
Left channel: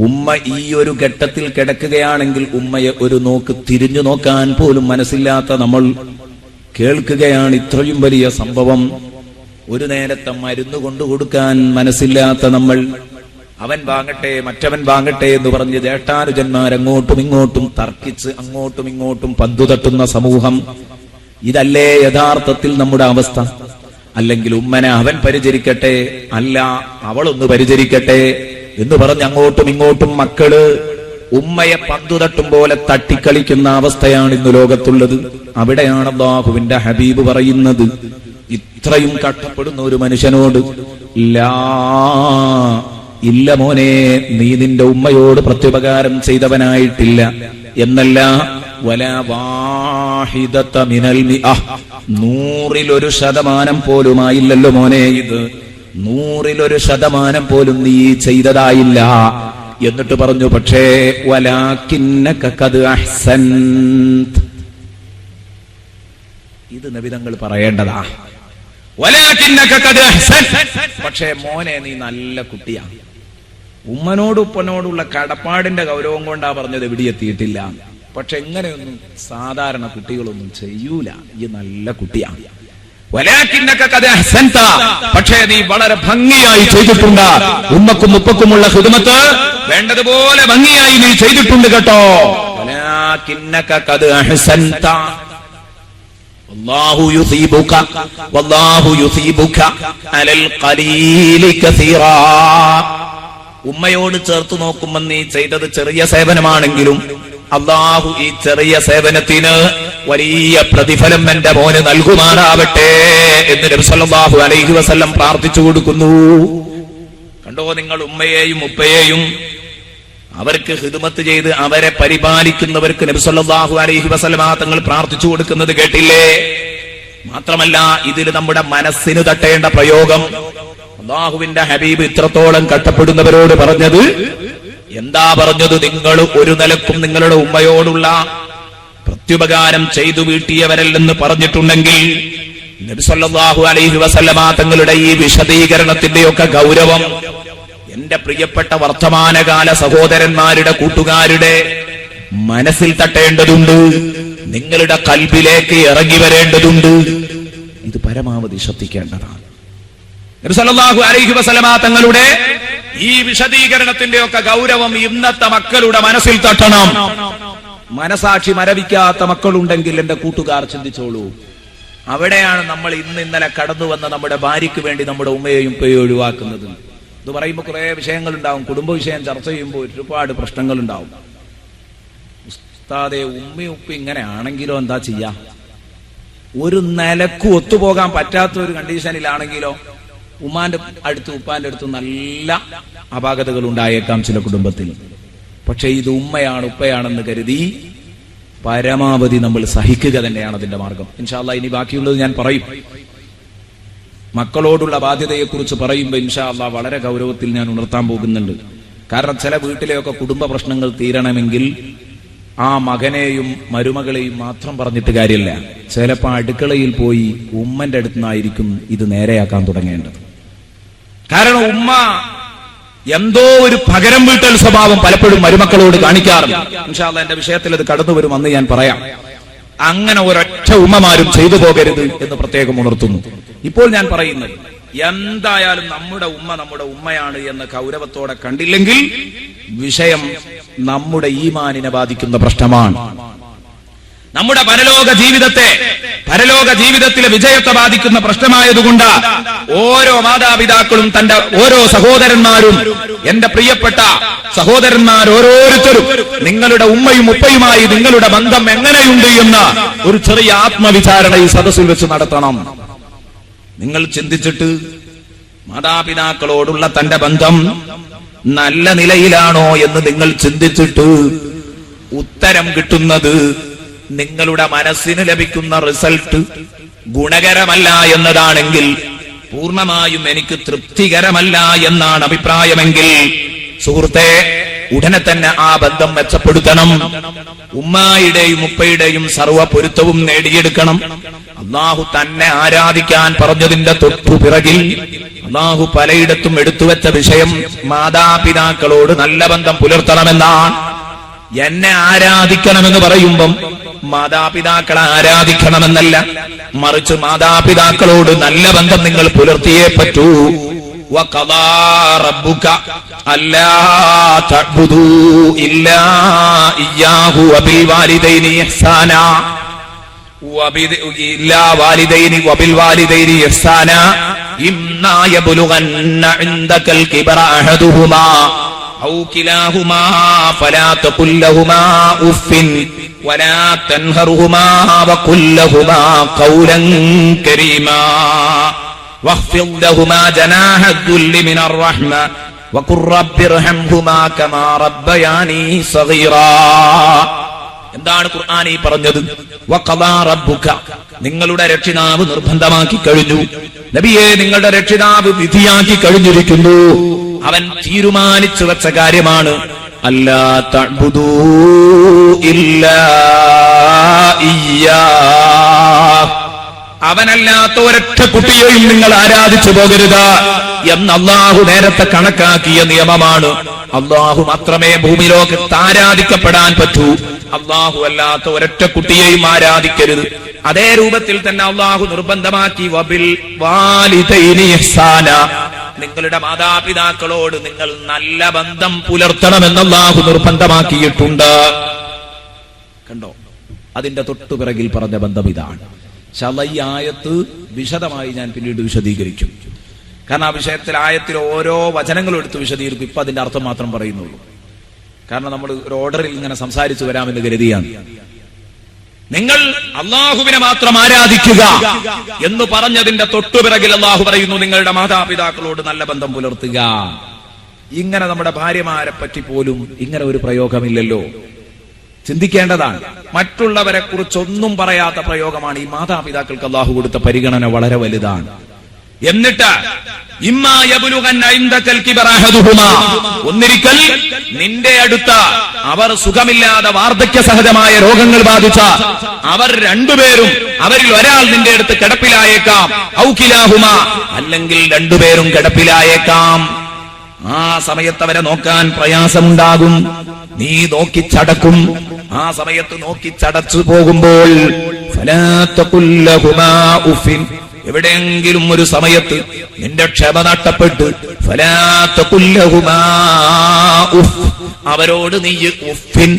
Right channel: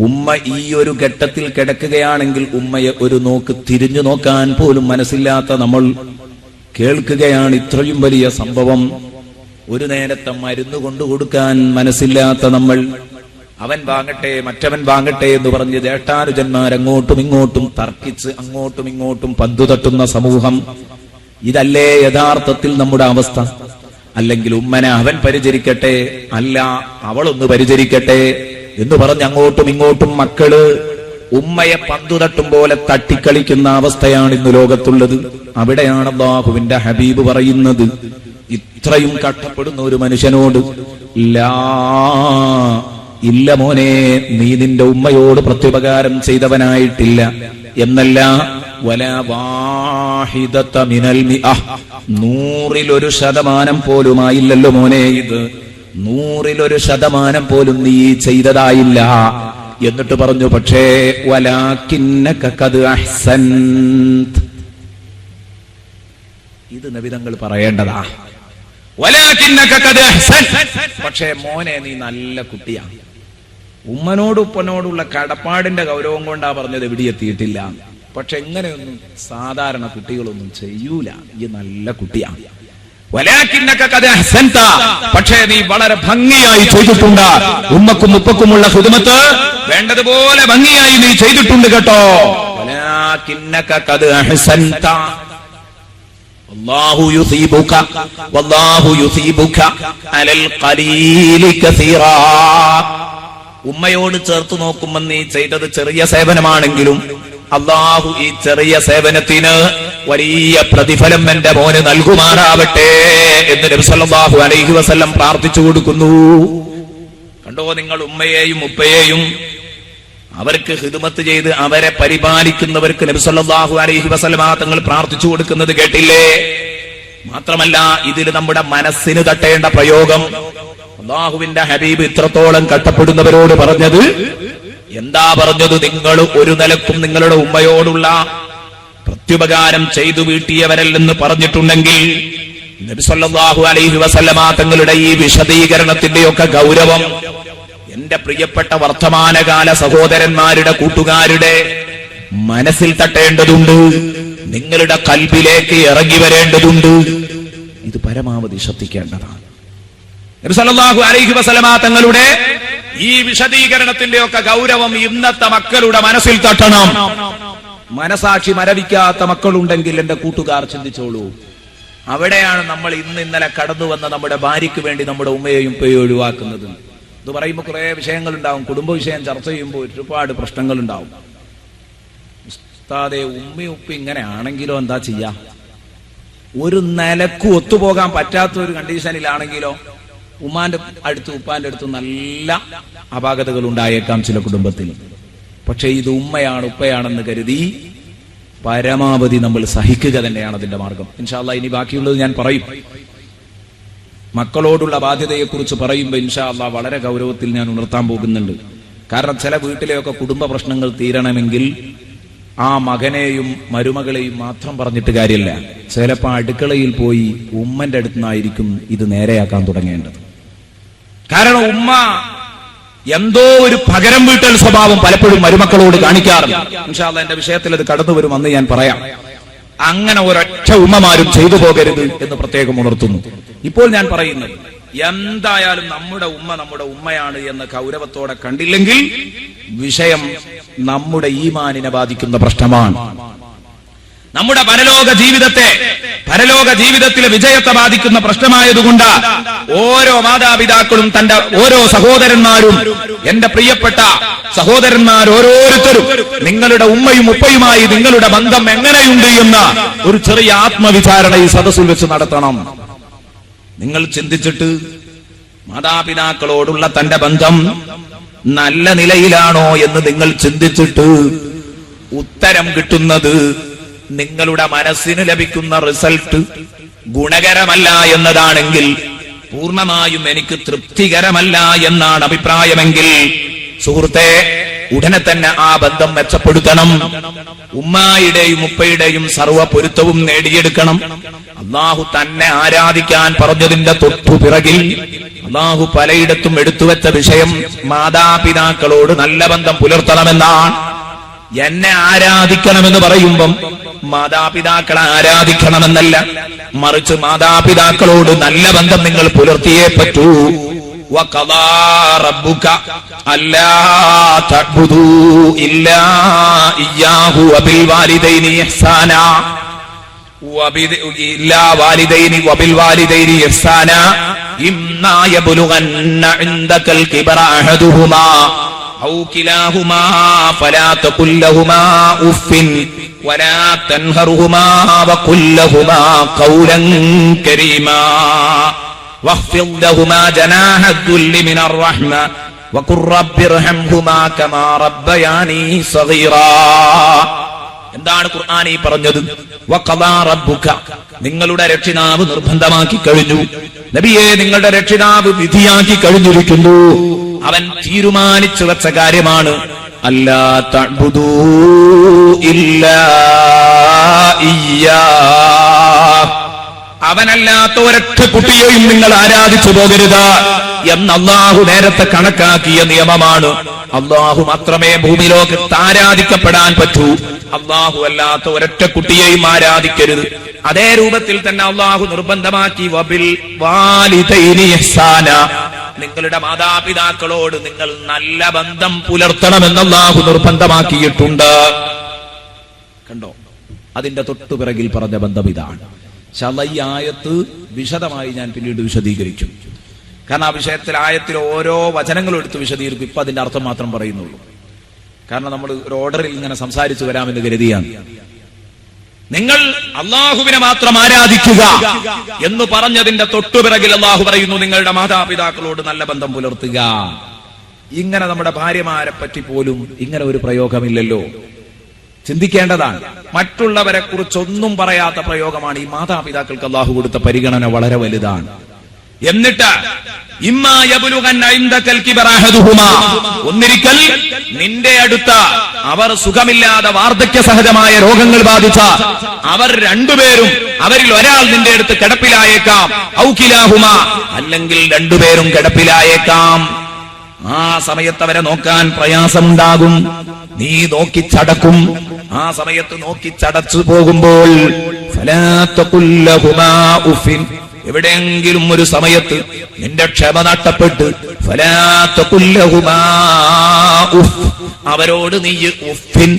ഉമ്മ ഈ ഒരു ഘട്ടത്തിൽ കിടക്കുകയാണെങ്കിൽ ഉമ്മയെ ഒരു നോക്ക് തിരിഞ്ഞു നോക്കാൻ പോലും മനസ്സില്ലാത്ത നമ്മൾ കേൾക്കുകയാണ് ഇത്രയും വലിയ സംഭവം. ഒരു നേരത്തെ മരുന്ന് കൊണ്ടു കൊടുക്കാൻ മനസ്സില്ലാത്ത നമ്മൾ, അവൻ വാങ്ങട്ടെ മറ്റവൻ വാങ്ങട്ടെ എന്ന് പറഞ്ഞ് ജ്യേഷ്ഠാനുജന്മാർ അങ്ങോട്ടും ഇങ്ങോട്ടും തർക്കിച്ച് അങ്ങോട്ടും ഇങ്ങോട്ടും പന്തു തട്ടുന്ന സമൂഹം. ഇതല്ലേ യഥാർത്ഥത്തിൽ നമ്മുടെ അവസ്ഥ? അല്ലെങ്കിൽ ഉമ്മനെ അവൻ പരിചരിക്കട്ടെ, അല്ല അവളൊന്ന് പരിചരിക്കട്ടെ എന്ന് പറഞ്ഞ് അങ്ങോട്ടും ഇങ്ങോട്ടും മക്കള് ഉമ്മയെ പന്തു തട്ടും പോലെ തട്ടിക്കളിക്കുന്ന അവസ്ഥയാണ് ഇന്ന് ലോകത്തുള്ളത്. അവിടെയാണ് അല്ലാഹുവിന്റെ ഹബീബ് പറയുന്നത്, ഇത്രയും കഷ്ടപ്പെടുന്ന ഒരു മനുഷ്യനോട് ഇല്ല മോനെ, നീ നിന്റെ ഉമ്മയോട് പ്രത്യുപകാരം ചെയ്തവനായിട്ടില്ല എന്നല്ല. വലാ വാഹിദത മിനൽ മിഅഹ്, 100% പോലുമായില്ലല്ലോ മോനെ, ഇത് 100% പോലും നീ ചെയ്തതായില്ല. എന്നിട്ട് പറഞ്ഞു, പക്ഷേ വലാകിന്നക ഖദ് അഹ്സൻത, ഇത് നബിതങ്ങൾ പറയേണ്ടതാ. വലാകിന്നക ഖദ് അഹ്സൻത, പക്ഷേ മോനെ നീ നല്ല കുട്ടിയാണ്. ഉമ്മനോട് ഉപ്പനോടുള്ള കടപ്പാടിന്റെ ഗൗരവം കൊണ്ടാ പറഞ്ഞത്, എവിടെ എത്തിയിട്ടില്ല. പക്ഷെ എങ്ങനെയൊന്നും സാധാരണ കുട്ടികളൊന്നും ചെയ്യൂല. ഈ നല്ല കുട്ടിയാണ്. വലാകിന്നക ഖദ് അഹ്സൻത, പക്ഷേ നീ വളരെ ഭംഗിയായി ചെയ്തിട്ടുണ്ട്. ഉമ്മക്കും ഉപ്പക്കുമുള്ള ഖിദ്മത്ത് വേണ്ടതുപോലെ ഭംഗിയായി നീ ചെയ്തിട്ടുണ്ട് കേട്ടോ. വലാകിന്നക ഖദ് അഹ്സൻത വല്ലാഹു യുസീബുക അലൽ ഖലീലി കസീറാ. ഉമ്മയോട് ചേർത്ത് നോക്കുമ്പോൾ നീ ചെയ്തത് ചെറിയ സേവനമാണെങ്കിലും അല്ലാഹു ഈ ചെറിയ സേവനത്തിന് വലിയ പ്രതിഫലം എന്റെ മോന് നൽകുമാറാവട്ടെ എന്ന് നബി സല്ലല്ലാഹു അലൈഹി വസല്ലം പ്രാർത്ഥിച്ചു കൊടുക്കുന്നു. കണ്ടോ നിങ്ങൾ, ഉമ്മയെയും ഉപ്പയെയും അവർക്ക് ഖിദ്മത്ത് ചെയ്ത് അവരെ പരിപാലിക്കുന്നവർക്ക് നബി സല്ലല്ലാഹു അലൈഹി വസല്ലം തങ്ങൾ പ്രാർത്ഥിച്ചു കൊടുക്കുന്നത് കേട്ടില്ലേ? മാത്രമല്ല ഇതിൽ നമ്മുടെ മനസ്സിന് തട്ടേണ്ട പ്രയോഗം അല്ലാഹുവിന്റെ ഹബീബ് ഇത്രത്തോളം കഷ്ടപ്പെടുന്നവരോട് പറഞ്ഞത് എന്താ പറഞ്ഞത്? നിങ്ങൾ ഒരു നിലക്കും നിങ്ങളുടെ ഉമ്മയോടുള്ള പ്രത്യുപകാരം ചെയ്തു വീട്ടിയവരല്ലെന്ന് പറഞ്ഞിട്ടുണ്ടെങ്കിൽ നബി സല്ലല്ലാഹു അലൈഹി വസല്ലമ തങ്ങളുടെ ഈ വിശദീകരണത്തിന്റെയൊക്കെ ഗൗരവം എന്റെ പ്രിയപ്പെട്ട വർത്തമാനകാല സഹോദരന്മാരുടെ കൂട്ടുകാരുടെ മനസ്സിൽ തട്ടേണ്ടതുണ്ട്, നിങ്ങളുടെ കൽബിലേക്ക് ഇറങ്ങി വരേണ്ടതുണ്ട്. ഇത് പരമാവധി ശ്രദ്ധിക്കേണ്ടതാണ്. നബി സല്ലല്ലാഹു അലൈഹി വസല്ലമ തങ്ങളുടെ ഈ വിശദീകരണത്തിന്റെ ഒക്കെ ഗൗരവം ഇന്നത്തെ മക്കളുടെ മനസ്സിൽ തട്ടണം. മനസാക്ഷി മരവിക്കാത്ത മക്കളുണ്ടെങ്കിൽ എന്റെ കൂട്ടുകാർ ചിന്തിച്ചോളൂ, അവിടെയാണ് നമ്മൾ ഇന്നലെ കടന്നു വന്ന നമ്മുടെ ഭാര്യയ്ക്ക് വേണ്ടി നമ്മുടെ ഉമ്മയെയും ഉപ്പയെയും ഒഴിവാക്കുന്നത്. ഇത് പറയുമ്പോൾ കുറെ വിഷയങ്ങളുണ്ടാവും. കുടുംബ വിഷയം ചർച്ച ചെയ്യുമ്പോൾ ഒരുപാട് പ്രശ്നങ്ങളുണ്ടാവും. ഉസ്താദേ, ഉമ്മയും ഉപ്പ ഇങ്ങനെ ആണെങ്കിലോ എന്താ ചെയ്യാ? ഒരു നിലക്കും ഒത്തുപോകാൻ പറ്റാത്ത ഒരു കണ്ടീഷനിലാണെങ്കിലോ ഉമ്മാന്റെ അടുത്തും ഉപ്പാന്റെ അടുത്തും നല്ല അപാകതകൾ ഉണ്ടായേക്കാം ചില കുടുംബത്തിൽ. പക്ഷെ ഇത് ഉമ്മയാണ് ഉപ്പയാണെന്ന് കരുതി പരമാവധി നമ്മൾ സഹിക്കുക തന്നെയാണ് അതിന്റെ മാർഗം. ഇൻഷാ അല്ലാഹ് ഇനി ബാക്കിയുള്ളത് ഞാൻ പറയും. മക്കളോടുള്ള ബാധ്യതയെക്കുറിച്ച് പറയുമ്പോൾ ഇൻഷാ അല്ലാഹ് വളരെ ഗൗരവത്തിൽ ഞാൻ ഉണർത്താൻ പോകുന്നുണ്ട്. കാരണം ചില വീട്ടിലെയൊക്കെ കുടുംബ പ്രശ്നങ്ങൾ തീരണമെങ്കിൽ ആ മകനെയും മരുമകളെയും മാത്രം പറഞ്ഞിട്ട് കാര്യമില്ല. ചിലപ്പോൾ അടുക്കളയിൽ പോയി ഉമ്മന്റെ അടുത്തുനിന്നായിരിക്കും ഇത് നേരെയാക്കാൻ തുടങ്ങേണ്ടത്. കാരണം ഉമ്മ എന്തോ ഒരു പകരം വീട്ടൽ സ്വഭാവം പലപ്പോഴും മരുമക്കളോട് കാണിക്കാറുണ്ട്. ഇൻഷാ അല്ലാഹ് എന്റെ വിഷയത്തിൽ അത് കടന്നു വരും, അന്ന് ഞാൻ പറയാം. അങ്ങനെ ഒരൊറ്റ ഉമ്മമാരും ചെയ്തു പോകരുത് എന്ന് പ്രത്യേകം ഉണർത്തുന്നു. ഇപ്പോൾ ഞാൻ പറയുന്നത്, എന്തായാലും നമ്മുടെ ഉമ്മയാണ് എന്ന ഗൗരവത്തോടെ കണ്ടില്ലെങ്കിൽ വിഷയം നമ്മുടെ ഈമാനിനെ ബാധിക്കുന്ന പ്രശ്നമാണ്. നമ്മുടെ പരലോക ജീവിതത്തിലെ വിജയത്തെ ബാധിക്കുന്ന പ്രശ്നമായതുകൊണ്ട് ഓരോ മാതാപിതാക്കളും തന്റെ ഓരോ സഹോദരന്മാരും, എന്റെ പ്രിയപ്പെട്ട സഹോദരന്മാർ ഓരോരുത്തരും നിങ്ങളുടെ ഉമ്മയും ഉപ്പയുമായി നിങ്ങളുടെ ബന്ധം എങ്ങനെയുണ്ട് എന്ന ഒരു ചെറിയ ആത്മവിചാരണ ഈ സദസ്സിൽ വെച്ച് നടത്തണം. നിങ്ങൾ ചിന്തിച്ചിട്ട് മാതാപിതാക്കളോടുള്ള തന്റെ ബന്ധം നല്ല നിലയിലാണോ എന്ന് നിങ്ങൾ ചിന്തിച്ചിട്ട് ഉത്തരം കിട്ടുന്നത് നിങ്ങളുടെ മനസ്സിന് ലഭിക്കുന്ന റിസൾട്ട് ഗുണകരമല്ല എന്നതാണെങ്കിൽ, പൂർണ്ണമായും എനിക്ക് തൃപ്തികരമല്ല എന്നാണ് അഭിപ്രായമെങ്കിൽ, സുഹൃത്തെ, ഉടനെ തന്നെ ആ ബന്ധം മെച്ചപ്പെടുത്തണം. ഉമ്മയുടെയും ഉപ്പയുടെയും സർവ്വ പൊരുത്തവും നേടിയെടുക്കണം. അള്ളാഹു തന്നെ ആരാധിക്കാൻ പറഞ്ഞതിന്റെ തൊട്ടുപിറകിൽ അള്ളാഹു പലയിടത്തും എടുത്തുവെച്ച വിഷയം മാതാപിതാക്കളോട് നല്ല ബന്ധം പുലർത്തണമെന്നാണ്. എന്നെ ആരാധിക്കണമെന്ന് പറയുമ്പം മാതാപിതാക്കളെ ആരാധിക്കണമെന്നല്ല, മറിച്ച് മാതാപിതാക്കളോട് നല്ല ബന്ധം നിങ്ങൾ പുലർത്തിയേ പറ്റൂ. വഖദാ റബ്ബുക അല്ലാ തഅ്ബുദൂ ഇല്ലാ ഇയ്യാഹു വബിൽ വാലിദൈനി ഇഹ്സാനാ വബിൽ വാലിദൈനി ഇഹ്സാനാ ഇമ്മാ യബ്ലുഗന്ന ഇൻദകൽ കിബറ അഹദുഹുമാ ഔ കിലാഹുമാ ഫലാ തഖുൽ ലഹുമാ ഉഫ്ഫിൻ വലാ തൻഹർഹുമാ വഖുൽ ലഹുമാ ഖൗലൻ കരീമാ واخفض لهما جناح الذل من الرحمة وقل رب ارحمهما كما ربياني صغيرا. എന്താണ് ഖുർആൻ ഈ പറഞ്ഞത്? വഖദാ റബ്ബുക, നിങ്ങളുടെ രക്ഷിതാവ് നിർബന്ധമാക്കി കഴിഞ്ഞു. നബിയെ, നിങ്ങളുടെ രക്ഷിതാവ് വിധിയാക്കി കഴിഞ്ഞിരിക്കുന്നു. അവൻ തീരുമാനിച്ചു വെച്ച കാര്യമാണ് അല്ലാ തഅ്ബുദൂ ഇല്ലാ ഇയ്യാ, അവനല്ലാത്ത ഒരൊറ്റ കുട്ടിയെയും നിങ്ങൾ ആരാധിച്ചു പോകരുത് എന്ന് അള്ളാഹു നേരത്തെ കണക്കാക്കിയ നിയമമാണ്. അള്ളാഹു മാത്രമേ ഭൂമിലോകത്ത് ആരാധിക്കപ്പെടാൻ പറ്റൂ. അള്ളാഹു അല്ലാത്ത ഒരൊറ്റ കുട്ടിയെയും ആരാധിക്കരുത്. അതേ രൂപത്തിൽ തന്നെ അള്ളാഹു നിർബന്ധമാക്കി വബിൽ വാലിദൈനി ഇഹ്സാന, നിങ്ങളുടെ മാതാപിതാക്കളോട് നിങ്ങൾ നല്ല ബന്ധം പുലർത്തണമെന്ന് അള്ളാഹു നിർബന്ധമാക്കിയിട്ടുണ്ട്. കണ്ടോ, അതിന്റെ തൊട്ടുപിറകിൽ പറഞ്ഞ ബന്ധം ഇതാണ്. ഈ ആയത്ത് വിശദമായി ഞാൻ പിന്നീട് വിശദീകരിക്കും. കാരണം ആ വിഷയത്തിൽ ആയത്തിൽ ഓരോ വചനങ്ങളും എടുത്ത് വിശദീകരിക്കും. ഇപ്പൊ അതിന്റെ അർത്ഥം മാത്രം പറയുന്നുള്ളൂ. കാരണം നമ്മൾ ഒരു ഓർഡറിൽ ഇങ്ങനെ സംസാരിച്ചു വരാമെന്ന് കരുതിയാണ്. നിങ്ങൾ അള്ളാഹുവിനെ മാത്രം ആരാധിക്കുക എന്ന് പറഞ്ഞതിന്റെ തൊട്ടുപിറകിൽ അള്ളാഹു പറയുന്നു നിങ്ങളുടെ മാതാപിതാക്കളോട് നല്ല ബന്ധം പുലർത്തുക. ഇങ്ങനെ നമ്മുടെ ഭാര്യമാരെ പറ്റി പോലും ഇങ്ങനെ ഒരു പ്രയോഗമില്ലല്ലോ. ചിന്തിക്കേണ്ടതാണ്. മറ്റുള്ളവരെ കുറിച്ചൊന്നും പറയാത്ത പ്രയോഗമാണ്. ഈ മാതാപിതാക്കൾക്ക് അള്ളാഹു കൊടുത്ത പരിഗണന വളരെ വലുതാണ്. എന്നിട്ട് ഒന്നിരിക്കൽ നിന്റെ അടുത്ത അവർ സുഖമില്ലാതെ വാർദ്ധക്യ സഹജമായ രോഗങ്ങൾ ബാധിച്ച അവർ രണ്ടുപേരും, അവരിൽ ഒരാൾ നിന്റെ അടുത്ത് കിടപ്പിലായേക്കാം. ഔകിലാഹുമാ, അല്ലെങ്കിൽ രണ്ടുപേരും കിടപ്പിലായേക്കാം. ആ സമയത്ത് അവരെ നോക്കാൻ പ്രയാസമുണ്ടാകും. നീ നോക്കിച്ചടക്കും. ആ സമയത്ത് നോക്കിച്ചടച്ചു പോകുമ്പോൾ ഫലാ തഖുൽ ലഹുമാ ഉഫിൻ, എവിടെയെങ്കിലും ഒരു സമയത്ത് നിന്റെ ക്ഷമ നഷ്ടപ്പെട്ട് ഫലാ തഖുൽ ലഹുമാ ഉഫ്, അവരോട് നീ ഉഫിൻ